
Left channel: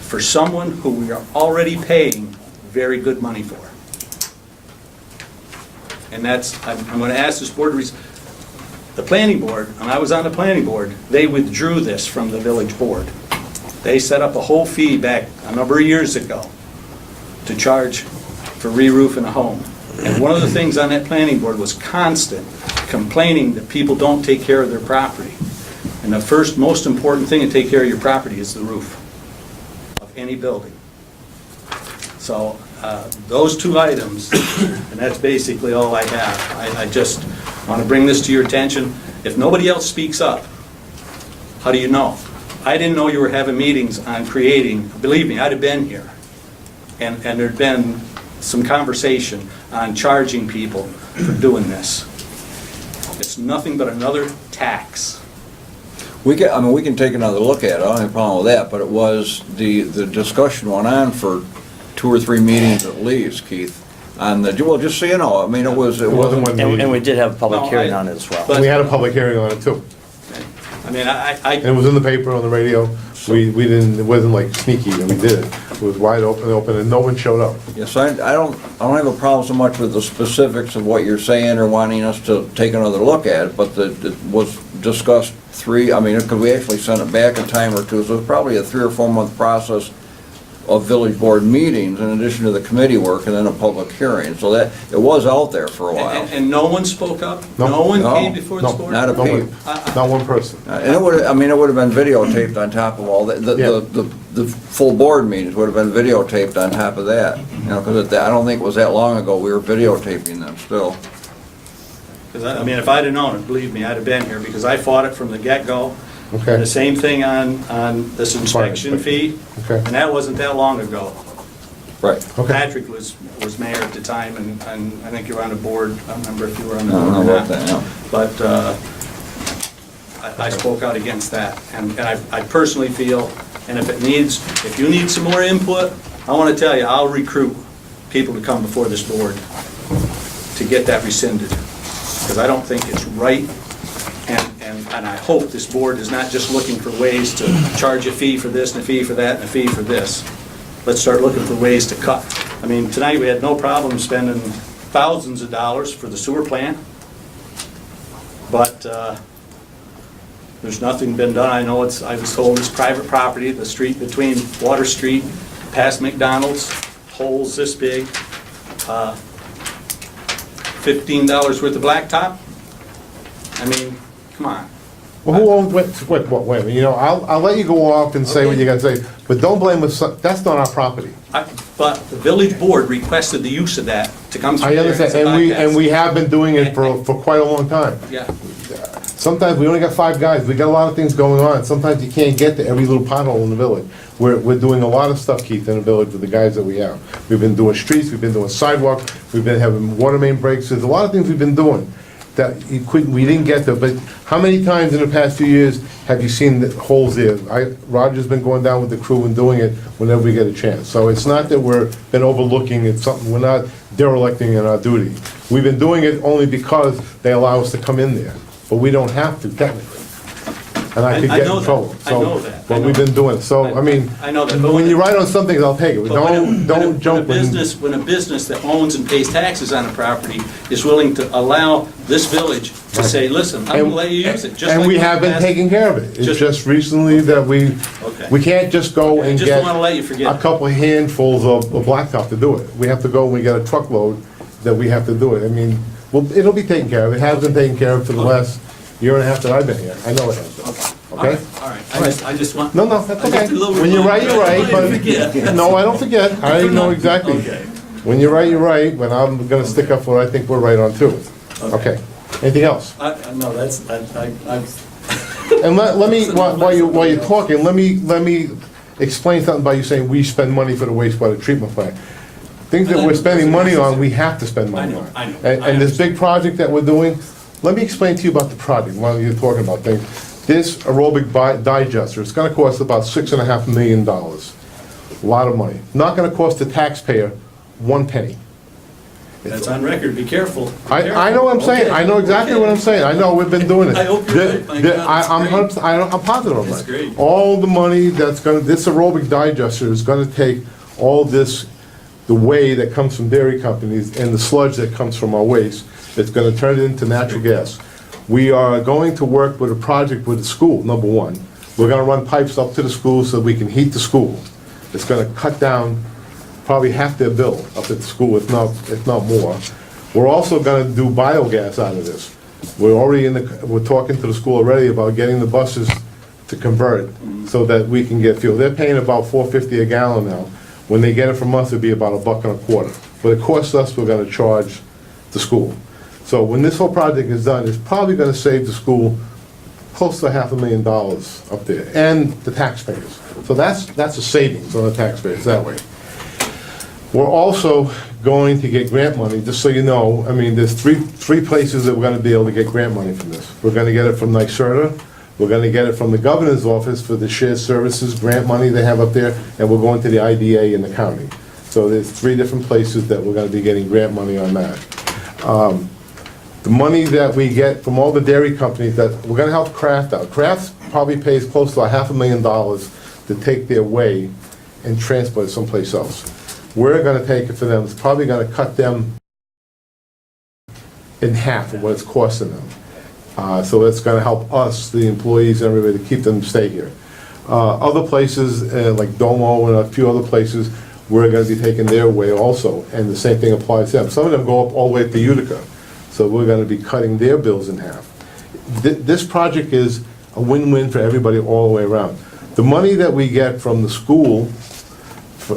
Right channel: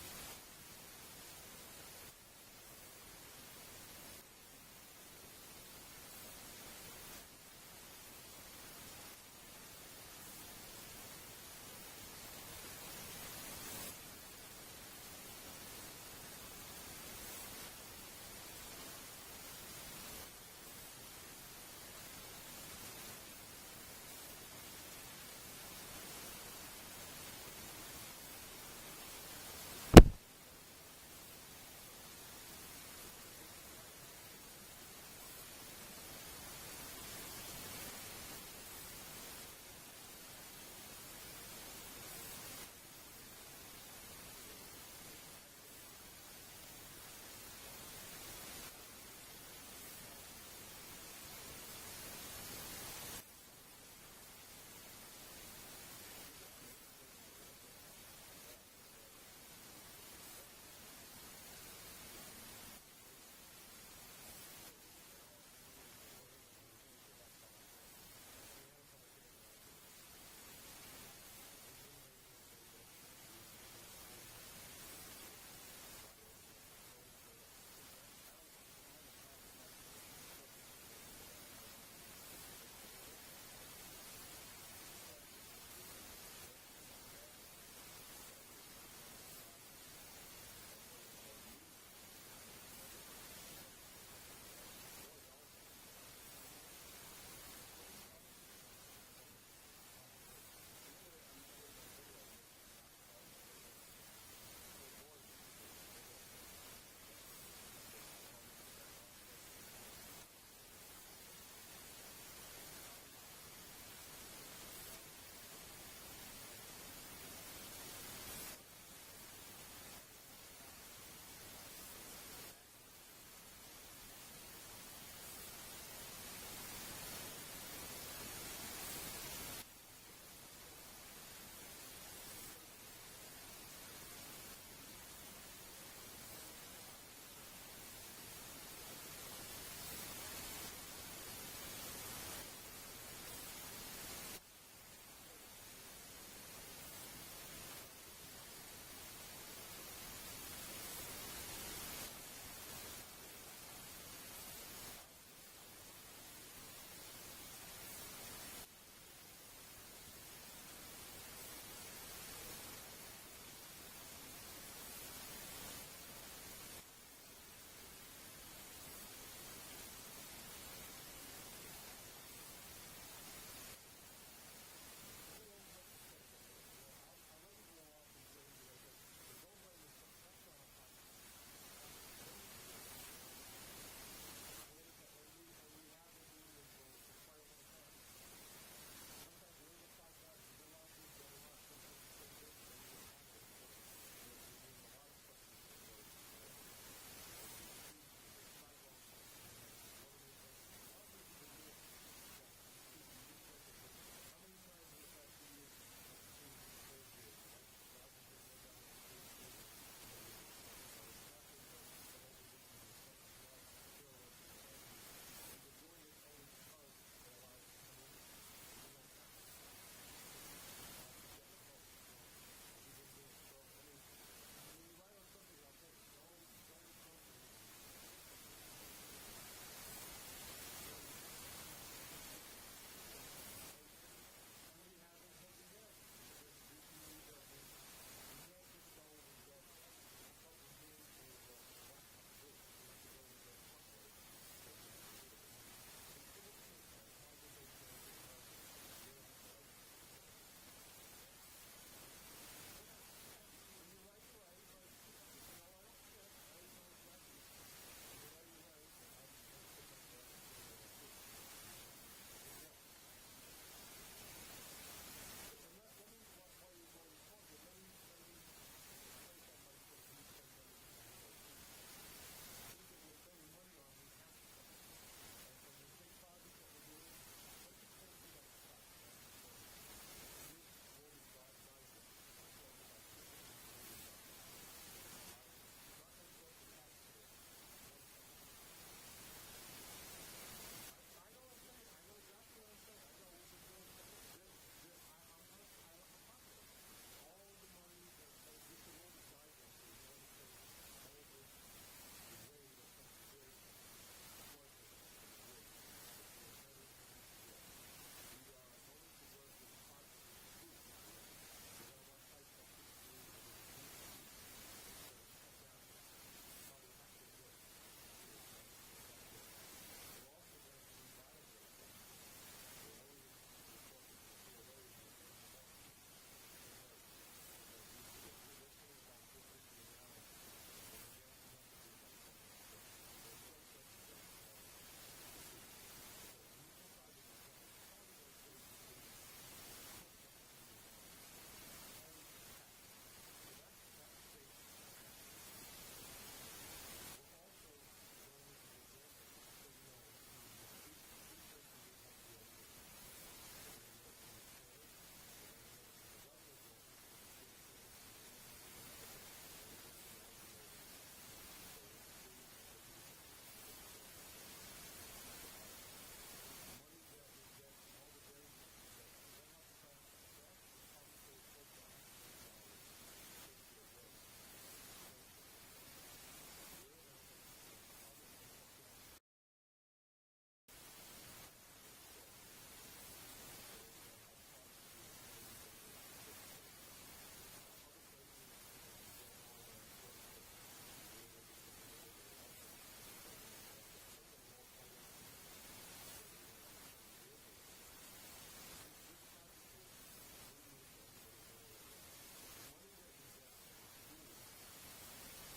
for someone who we are already paying very good money for. And that's, I'm going to ask this board to, the planning board, and I was on the planning board, they withdrew this from the village board. They set up a whole fee back a number of years ago to charge for re-roofing a home. And one of the things on that planning board was constant complaining that people don't take care of their property. And the first most important thing to take care of your property is the roof of any building. So those 2 items, and that's basically all I have. I just want to bring this to your attention. If nobody else speaks up, how do you know? I didn't know you were having meetings on creating, believe me, I'd have been here. And there'd been some conversation on charging people for doing this. It's nothing but another tax. We can take another look at it, I don't have a problem with that, but it was, the discussion went on for 2 or 3 meetings at least, Keith, on the, well, just so you know, I mean, it wasn't. one And meeting. we did have a public No, hearing I- on it as well. but- We had a public hearing on it too. I mean, And it was in the paper, on the radio. We didn't, it wasn't like sneaky when we did it. It was wide open, and no one showed up. Yes, I don't have a problem so much with the specifics of what you're saying or wanting us to take another look at it, but it was discussed because we actually sent it back a time or two, so it was probably a 3 or 4 month process of village board meetings in addition to the committee work and then a public hearing, so that, it was out there for a while. and no one spoke up? No. No one No. came before this No, board? Not a No one. peep. Not one person. And it would have been videotaped on top of all that, Yeah. the full board meetings would have been videotaped on top of that, because I don't think it was that long ago, we were videotaping them still. Because I mean, if I'd have known it, believe me, I'd have been here, because I fought it from the get-go. Okay. The same thing on this inspection fee, Okay. and that wasn't that long ago. Right. Okay. Patrick was mayor at the time, and I think you were on the board, I don't remember if you were on the I don't board know or about not. that, no. But I spoke out against that, and I personally feel, and if you need some more input, I want to tell you, I'll recruit people to come before this board to get that rescinded, because I don't think it's right, and I hope this board is not just looking for ways to charge a fee for this, and a fee for that, and a fee for this. Let's start looking for ways to cut. I mean, tonight we had no problem spending thousands of dollars for the sewer plant, but there's nothing been done. I know I was told it's private property, the street between Water Street, past McDonald's, holes this big, $15 worth of blacktop. I mean, come on. Well, who owns, wait, I'll let you go off and say what you gotta say, but don't blame us, that's not our property. But the village board requested the use of that to come through I there. understand, as a and we bypass. have been doing it for quite a long time. Yeah, Sometimes we only got 5 guys, we got a lot of things going on, sometimes you can't get to every little pothole in the village. We're doing a lot of stuff, Keith, in the village with the guys that we have. We've been doing streets, we've been doing sidewalk, we've been having water main breaks, there's a lot of things we've been doing that we didn't get to, but how many times in the past few years have you seen the holes there? Roger's been going down with the crew and doing it whenever we get a chance. So it's not that we're been overlooking, it's something, we're not derelicting in our duty. We've been doing it only because they allow us to come in there, but we don't have to technically. And I could I get know in that. trouble. I know that. I But know we've been that. doing it, so, I mean, I know that, but when you write on some things, I'll take it, but when don't jump when in. a business that owns and pays taxes on a property is willing to allow this village to say, listen, I'm gonna let you use it, just And like we in the have been past. taking care of it. It's Just- just recently that we can't just go I and just get don't wanna let you forget a it. couple of handfuls of blacktop to do it. We have to go, and we get a truckload that we have to do it. I mean, well, it'll be taken care of. It has been taken care of for the last year and a half that I've been here. I know it has been. Okay? All right, I just want. No, that's I okay. just a little When you're right, you're right, reminder. I don't want you to but, forget. no, I don't forget. I know exactly. Okay. When you're right, you're right, but I'm gonna stick up for what I think we're right on too. Okay. Anything else? No, that's, And let me, while you're talking, let me explain something about you saying we spend money for the wastewater treatment plant. Things that we're spending money on, we have to spend money on. I know. And this big project that we're doing, let me explain to you about the project, while you're talking about things. This aerobic digester, it's gonna cost about $6.5 million. A lot of money. Not gonna cost the taxpayer 1 penny. that's on record, be careful. Be I careful. know what I'm saying, I know exactly what I'm saying, I know, we've been doing it. I hope you're right, my God, that's I'm positive of That's that. great. All the money that's gonna, this aerobic digester is gonna take all this, the whey that comes from dairy companies and the sludge that comes from our waste, it's gonna turn it into natural gas. We are going to work with a project with the school, number one. We're gonna run pipes up to the school so we can heat the school. It's gonna cut down probably half their bill up at the school, if not more. We're also gonna do biogas out of this. We're talking to the school already about getting the buses to convert so that we can get fuel. They're paying about $4.50 a gallon now. When they get it from us, it'd be about $1.25. But it costs us, we're gonna charge the school. So when this whole project is done, it's probably gonna save the school close to $500,000 up there, and the taxpayers. So that's a savings on the taxpayers that way. We're also going to get grant money, just so you know. I mean, there's three places that we're gonna be able to get grant money from this. We're gonna get it from NYSERDA, we're gonna get it from the governor's office for the shared services grant money they have up there, and we're going to the IDA in the county. So there's 3 different places that we're gonna be getting grant money on that. The money that we get from all the dairy companies, that we're gonna help Kraft out. Kraft probably pays close to $500,000 to take their whey and transport it someplace else. We're gonna take it for them, it's probably gonna cut them in half of what it's costing them. So it's gonna help us, the employees, and everybody, to keep them to stay here. Other places, like Domo and a few other places, we're gonna be taking their way also, and the same thing applies to them. Some of them go up all the way to Utica, so we're gonna be cutting their bills in half. This project is a win-win for everybody all the way around. The money that we get from the school,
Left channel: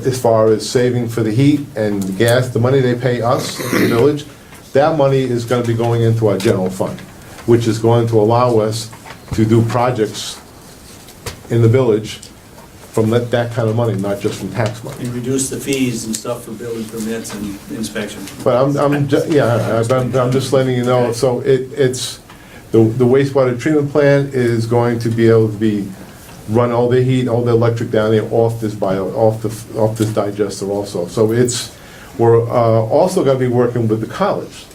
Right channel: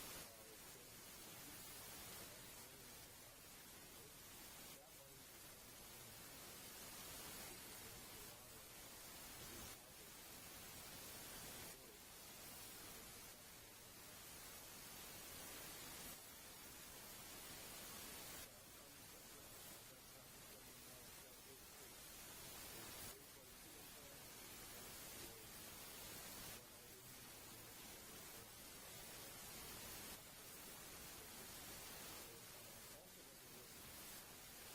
as far as saving for the heat and the gas, the money they pay us in the village, that money is gonna be going into our general fund, which is going to allow us to do projects in the village from that kind of money, not just from tax money. And reduce the fees and stuff for building permits and inspection. But I'm just letting you know, so it's, the wastewater treatment plant is going to be able to be, run all the heat, all the electric down there off this digester also. So we're also gonna be working with the college.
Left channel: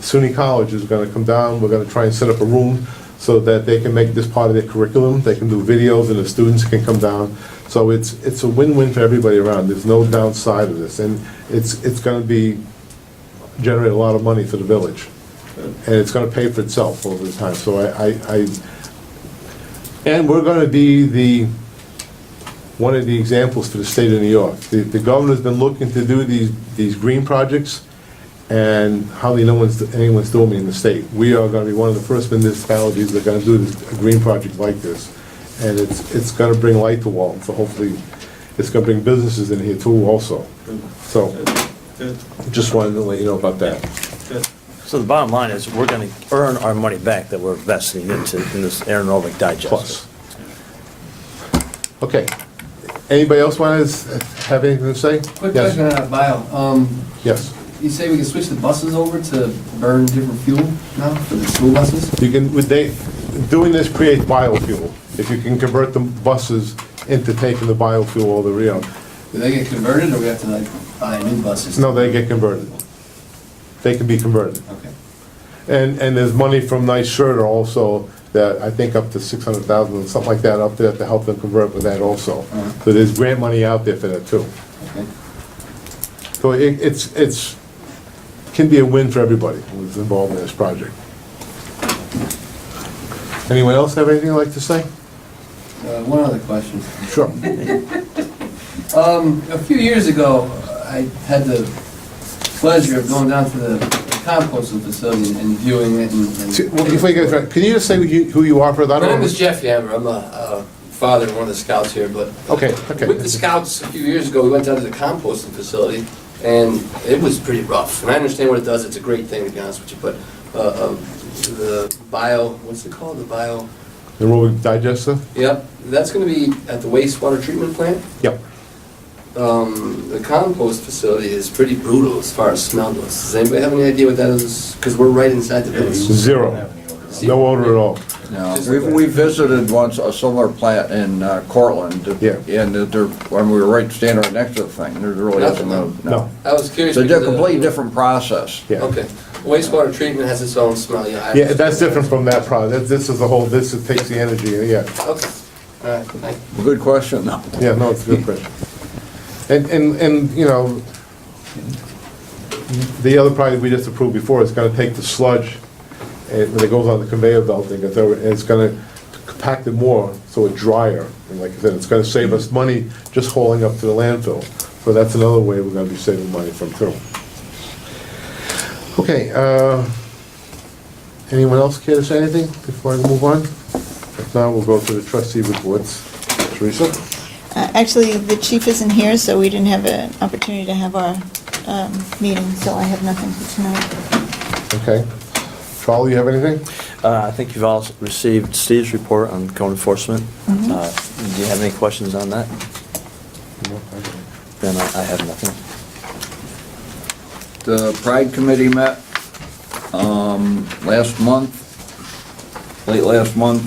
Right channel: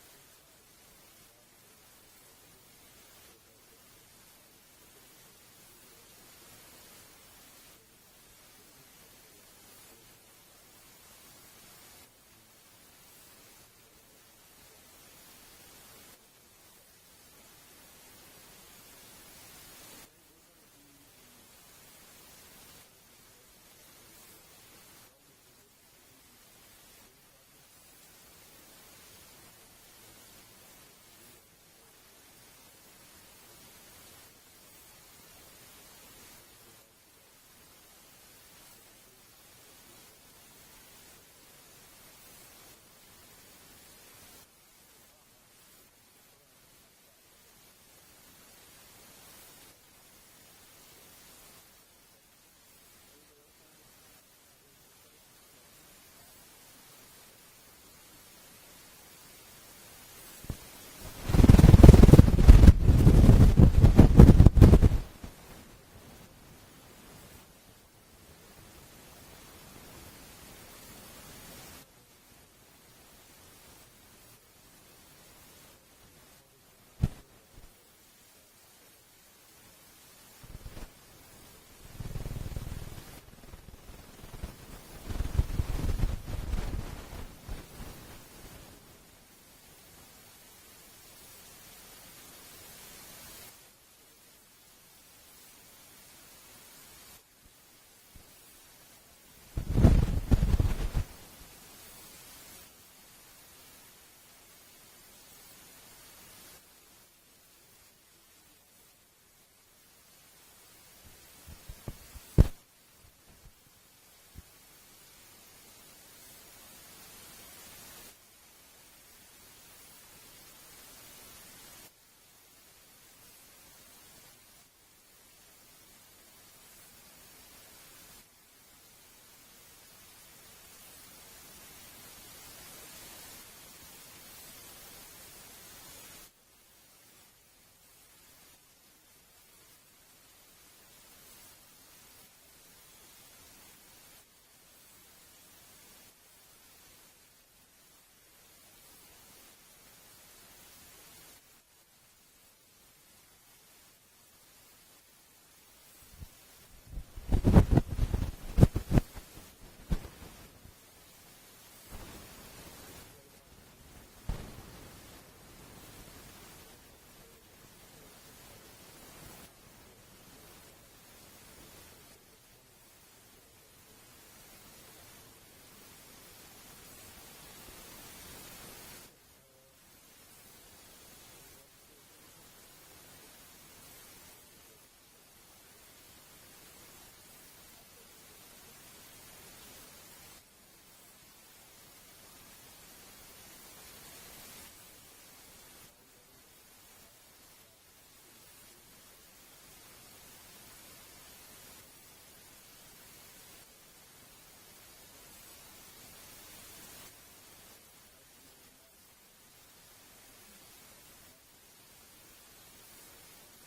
SUNY College is gonna come down, we're gonna try and set up a room so that they can make this part of their curriculum, they can do videos and the students can come down. So it's a win-win for everybody around, there's no downside of this, and it's gonna generate a lot of money for the village. And it's gonna pay for itself over the time, so and we're gonna be one of the examples for the state of New York. The governor's been looking to do these green projects, and hardly anyone's doing it in the state. We are gonna be one of the first municipalities that are gonna do a green project like this. And it's gonna bring light to Walton, so hopefully it's gonna bring businesses in here too also. So, just wanted to let you know about that. So the bottom line is, we're gonna earn our money back that we're investing in this aerobic digester. Plus. Okay. Anybody else want to have anything to say? Quick Yes. question on that bio. Yes. You say we can switch the buses over to burn different fuel now for the school buses? You can, doing this creates biofuel. If you can convert the buses into taking the biofuel or the Do they get converted, or we have to like buy new buses? No, they get converted. They can be converted. Okay. And there's money from NYSERDA also, that I think up to 600,000, something like that, up there to help them convert with that also. So there's grant money out there for that too. Okay. So it's can be a win for everybody who's involved in this project. Anyone else have anything they'd like to say? One other question. Sure. A few years ago, I had the pleasure of going down to the composting facility and viewing it Well, before you get started, can you just say who you are for that? My name is Jeff Yammer. I'm a father and one of the scouts here, but Okay. with the scouts a few years ago, we went down to the composting facility, and it was pretty rough. And I understand what it does. It's a great thing, to be honest with you, but the what's it called? The aerobic digester? Yep, that's gonna be at the wastewater treatment plant. Yep. The compost facility is pretty brutal as far as smell goes. Does anybody have any idea what that is? Because we're right inside the village. Zero. No odor at all. No, we visited once a similar plant in Cortland. Yeah. And when we were standing right next to the thing, there really isn't No. I was curious. It's a because completely different process. Yeah. Okay, wastewater treatment has its own smell, yeah. Yeah, that's different from that product. This is the whole, this takes the energy, yeah. Okay, all right, thank you. Good question, though. Yeah, no, it's a good question. And, you know, the other project we just approved before is gonna take the sludge, and when it goes on the conveyor belt, and it's gonna compact it more, so it's drier. And like I said, it's gonna save us money just hauling up to the landfill. So that's another way we're gonna be saving money from too. Okay, anyone else care to say anything before I move on? If not, we'll go to the trustee reports. Teresa? Actually, the chief isn't here, so we didn't have an opportunity to have our meeting, so I have nothing for tonight. Okay. Charlie, you have anything? I think you've all received Steve's report on code enforcement. Mhm. Do you have any questions on that? Then I have nothing. The Pride Committee met last month, late last month.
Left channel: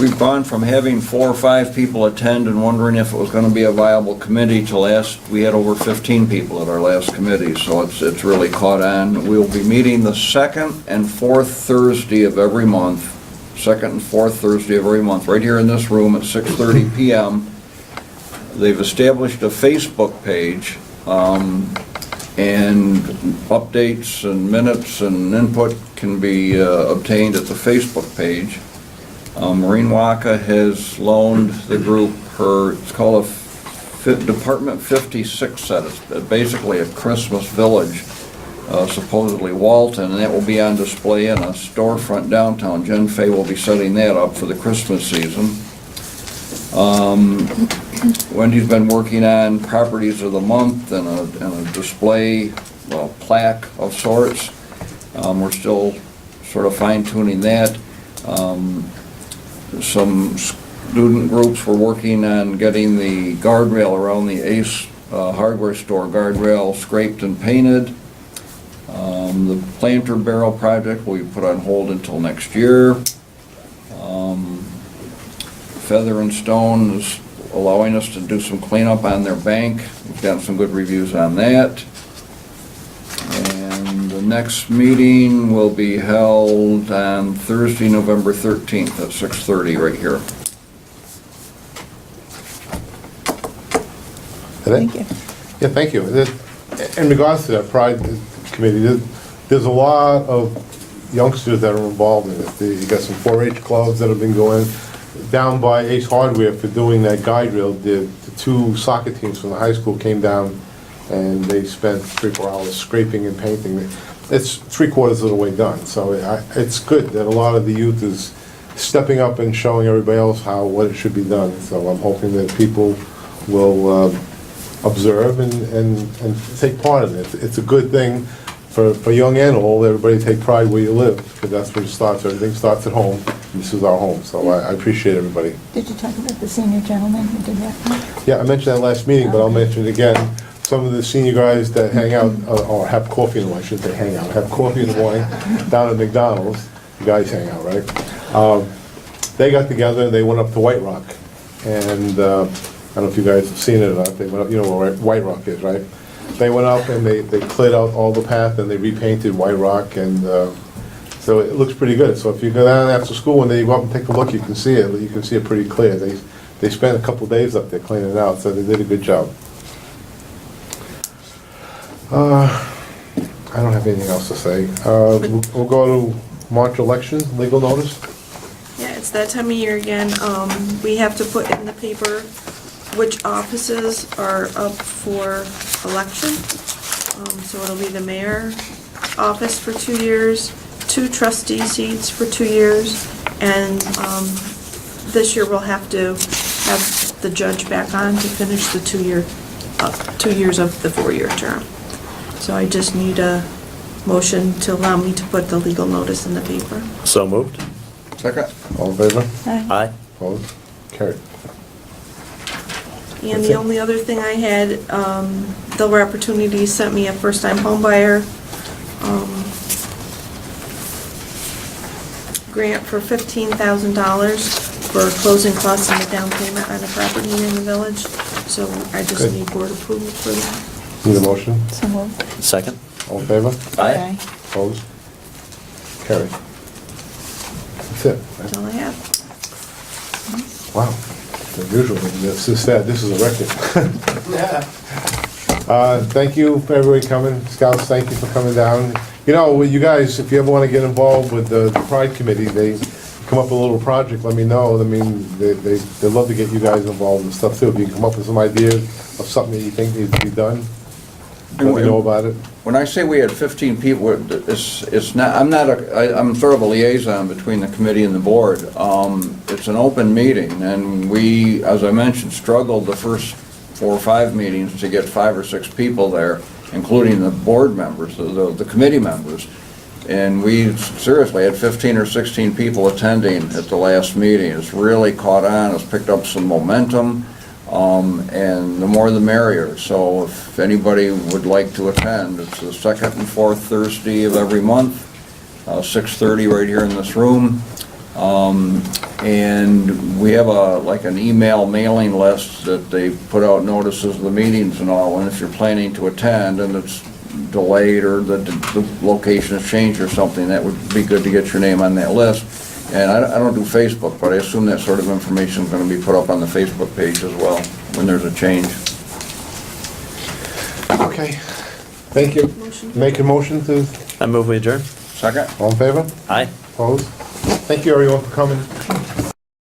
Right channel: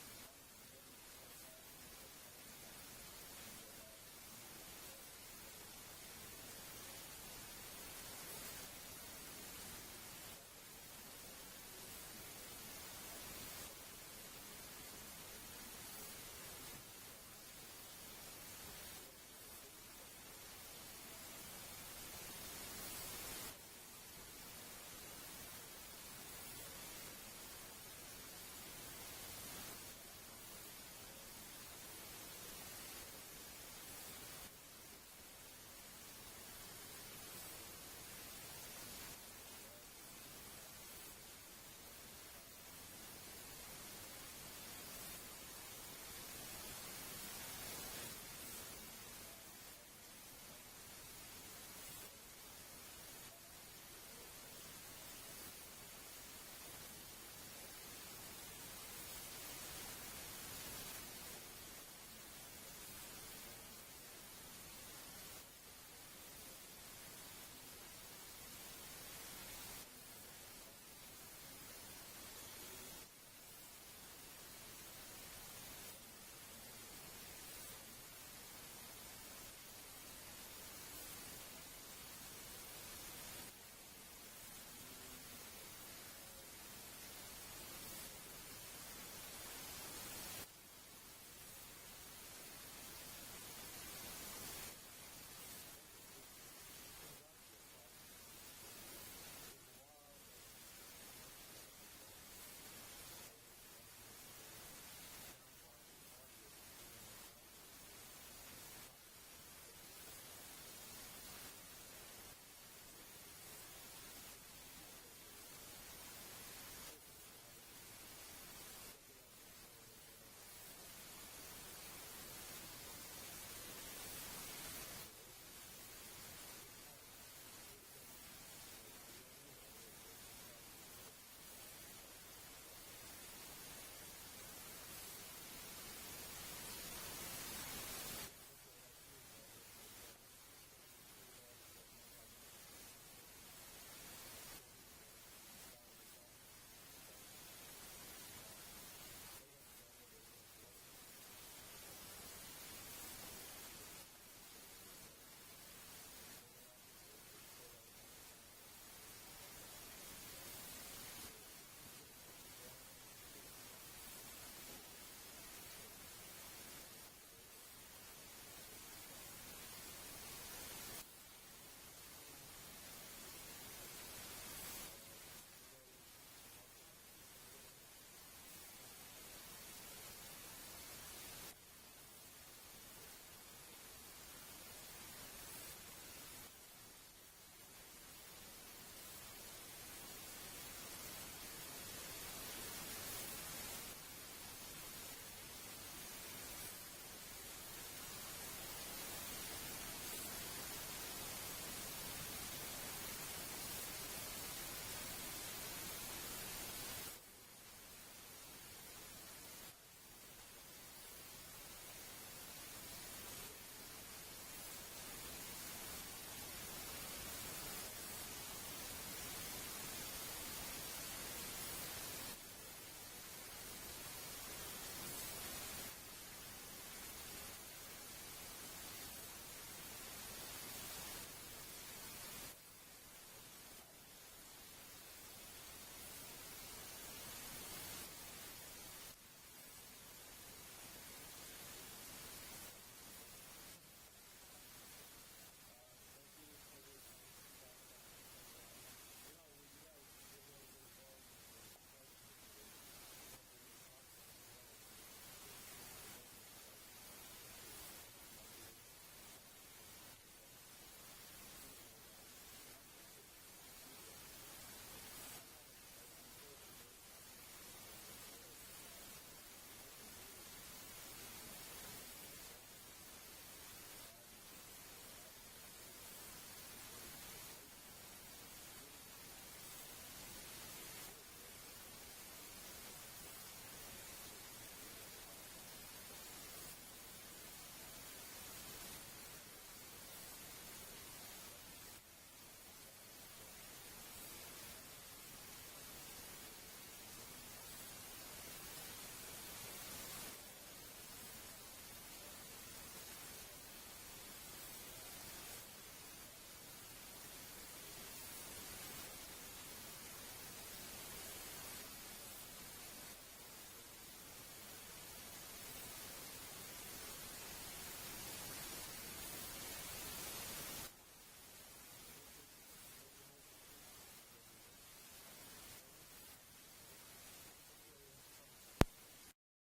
We've gone from having 4 or 5 people attend and wondering if it was gonna be a viable committee to we had over 15 people at our last committee, so it's really caught on. We'll be meeting the second and fourth Thursday of every month, second and fourth Thursday of every month, right here in this room at 6:30 PM. They've established a Facebook page, and updates and minutes and input can be obtained at the Facebook page. Maureen Waka has loaned the group it's called a Department 56 set. It's basically a Christmas village, supposedly Walton, and that will be on display in a storefront downtown. Jen Fay will be setting that up for the Christmas season. Wendy's been working on properties of the month and a display, plaque of sorts. We're still sort of fine tuning that. Some student groups were working on getting the guardrail around the Ace hardware store guardrail scraped and painted. The planter barrel project will be put on hold until next year. Feather and Stone is allowing us to do some cleanup on their bank. We've gotten some good reviews on that. And the next meeting will be held on Thursday, November 13th at 6:30 right here. Thank you. Yeah, thank you. In regards to that Pride Committee, there's a lot of youngsters that are involved in it. You got some 4-H clubs that have been going. Down by Ace Hardware for doing that guide rail, the 2 soccer teams from the high school came down and they spent 3-4 hours scraping and painting. It's 3/4 of the way done, so it's good that a lot of the youth is stepping up and showing everybody else what it should be done. So I'm hoping that people will observe and take part in it. It's a good thing for young and old. Everybody take pride where you live, because that's where it starts. Everything starts at home. This is our home, so I appreciate everybody. Did you talk about the senior gentleman who did that? Yeah, I mentioned that last meeting, but I'll mention it again. Some of the senior guys that hang out, or have coffee in the morning, I shouldn't say hang out, have coffee in the morning down at McDonald's, you guys hang out, right? They got together, they went up to White Rock, and I don't know if you guys have seen it or not, they went up, you know where White Rock is, right? They went up and they cleared out all the path and they repainted White Rock, and so it looks pretty good. So if you go down after school and they go up and take a look, you can see it. You can see it pretty clear. They spent a couple days up there cleaning it out, so they did a good job. I don't have anything else to say. We'll go to March election, legal notice. Yeah, it's that time of year again. We have to put in the paper which offices are up for election. So it'll be the mayor office for 2 years, 2 trustee seats for 2 years, and this year we'll have to have the judge back on to finish the 2 years of the 4-year term. So I just need a motion to allow me to put the legal notice in the paper. So moved. Second? All in favor? Aye. Opposed? Carried. And That's the it. only other thing I had, Delaware Opportunities sent me a first-time home buyer grant for $15,000 for closing costs and the down payment on a property in the village. So I just Good. need board approval for that. Need a motion? So moved. Second? All in favor? Aye. Opposed? Carried. That's it. That's all I have. Wow. Unusual. This is sad. This is a record. Thank you for everybody coming. Scouts, thank you for coming down. You know, you guys, if you ever want to get involved with the Pride Committee, they come up with a little project, let me know. I mean, they'd love to get you guys involved and stuff too. If you come up with some ideas of something that you think needs to be done, let me know about it. When I say we had 15 people, it's not, I'm sort of a liaison between the committee and the board. It's an open meeting, and we, as I mentioned, struggled the first 4 or 5 meetings to get 5 or 6 people there, including the board members, the committee members. And we seriously had 15 or 16 people attending at the last meeting. It's really caught on, it's picked up some momentum. And the more the merrier. So if anybody would like to attend, it's the second and fourth Thursday of every month, 6:30 right here in this room. And we have like an email mailing list that they put out notices of the meetings and all, and if you're planning to attend and it's delayed or the location has changed or something, that would be good to get your name on that list. And I don't do Facebook, but I assume that sort of information is going to be put up on the Facebook page as well when there's a change. Okay, thank you. Make a motion to, I move we adjourn. Second? all in favor? Aye. Opposed? Thank you, everyone, for coming.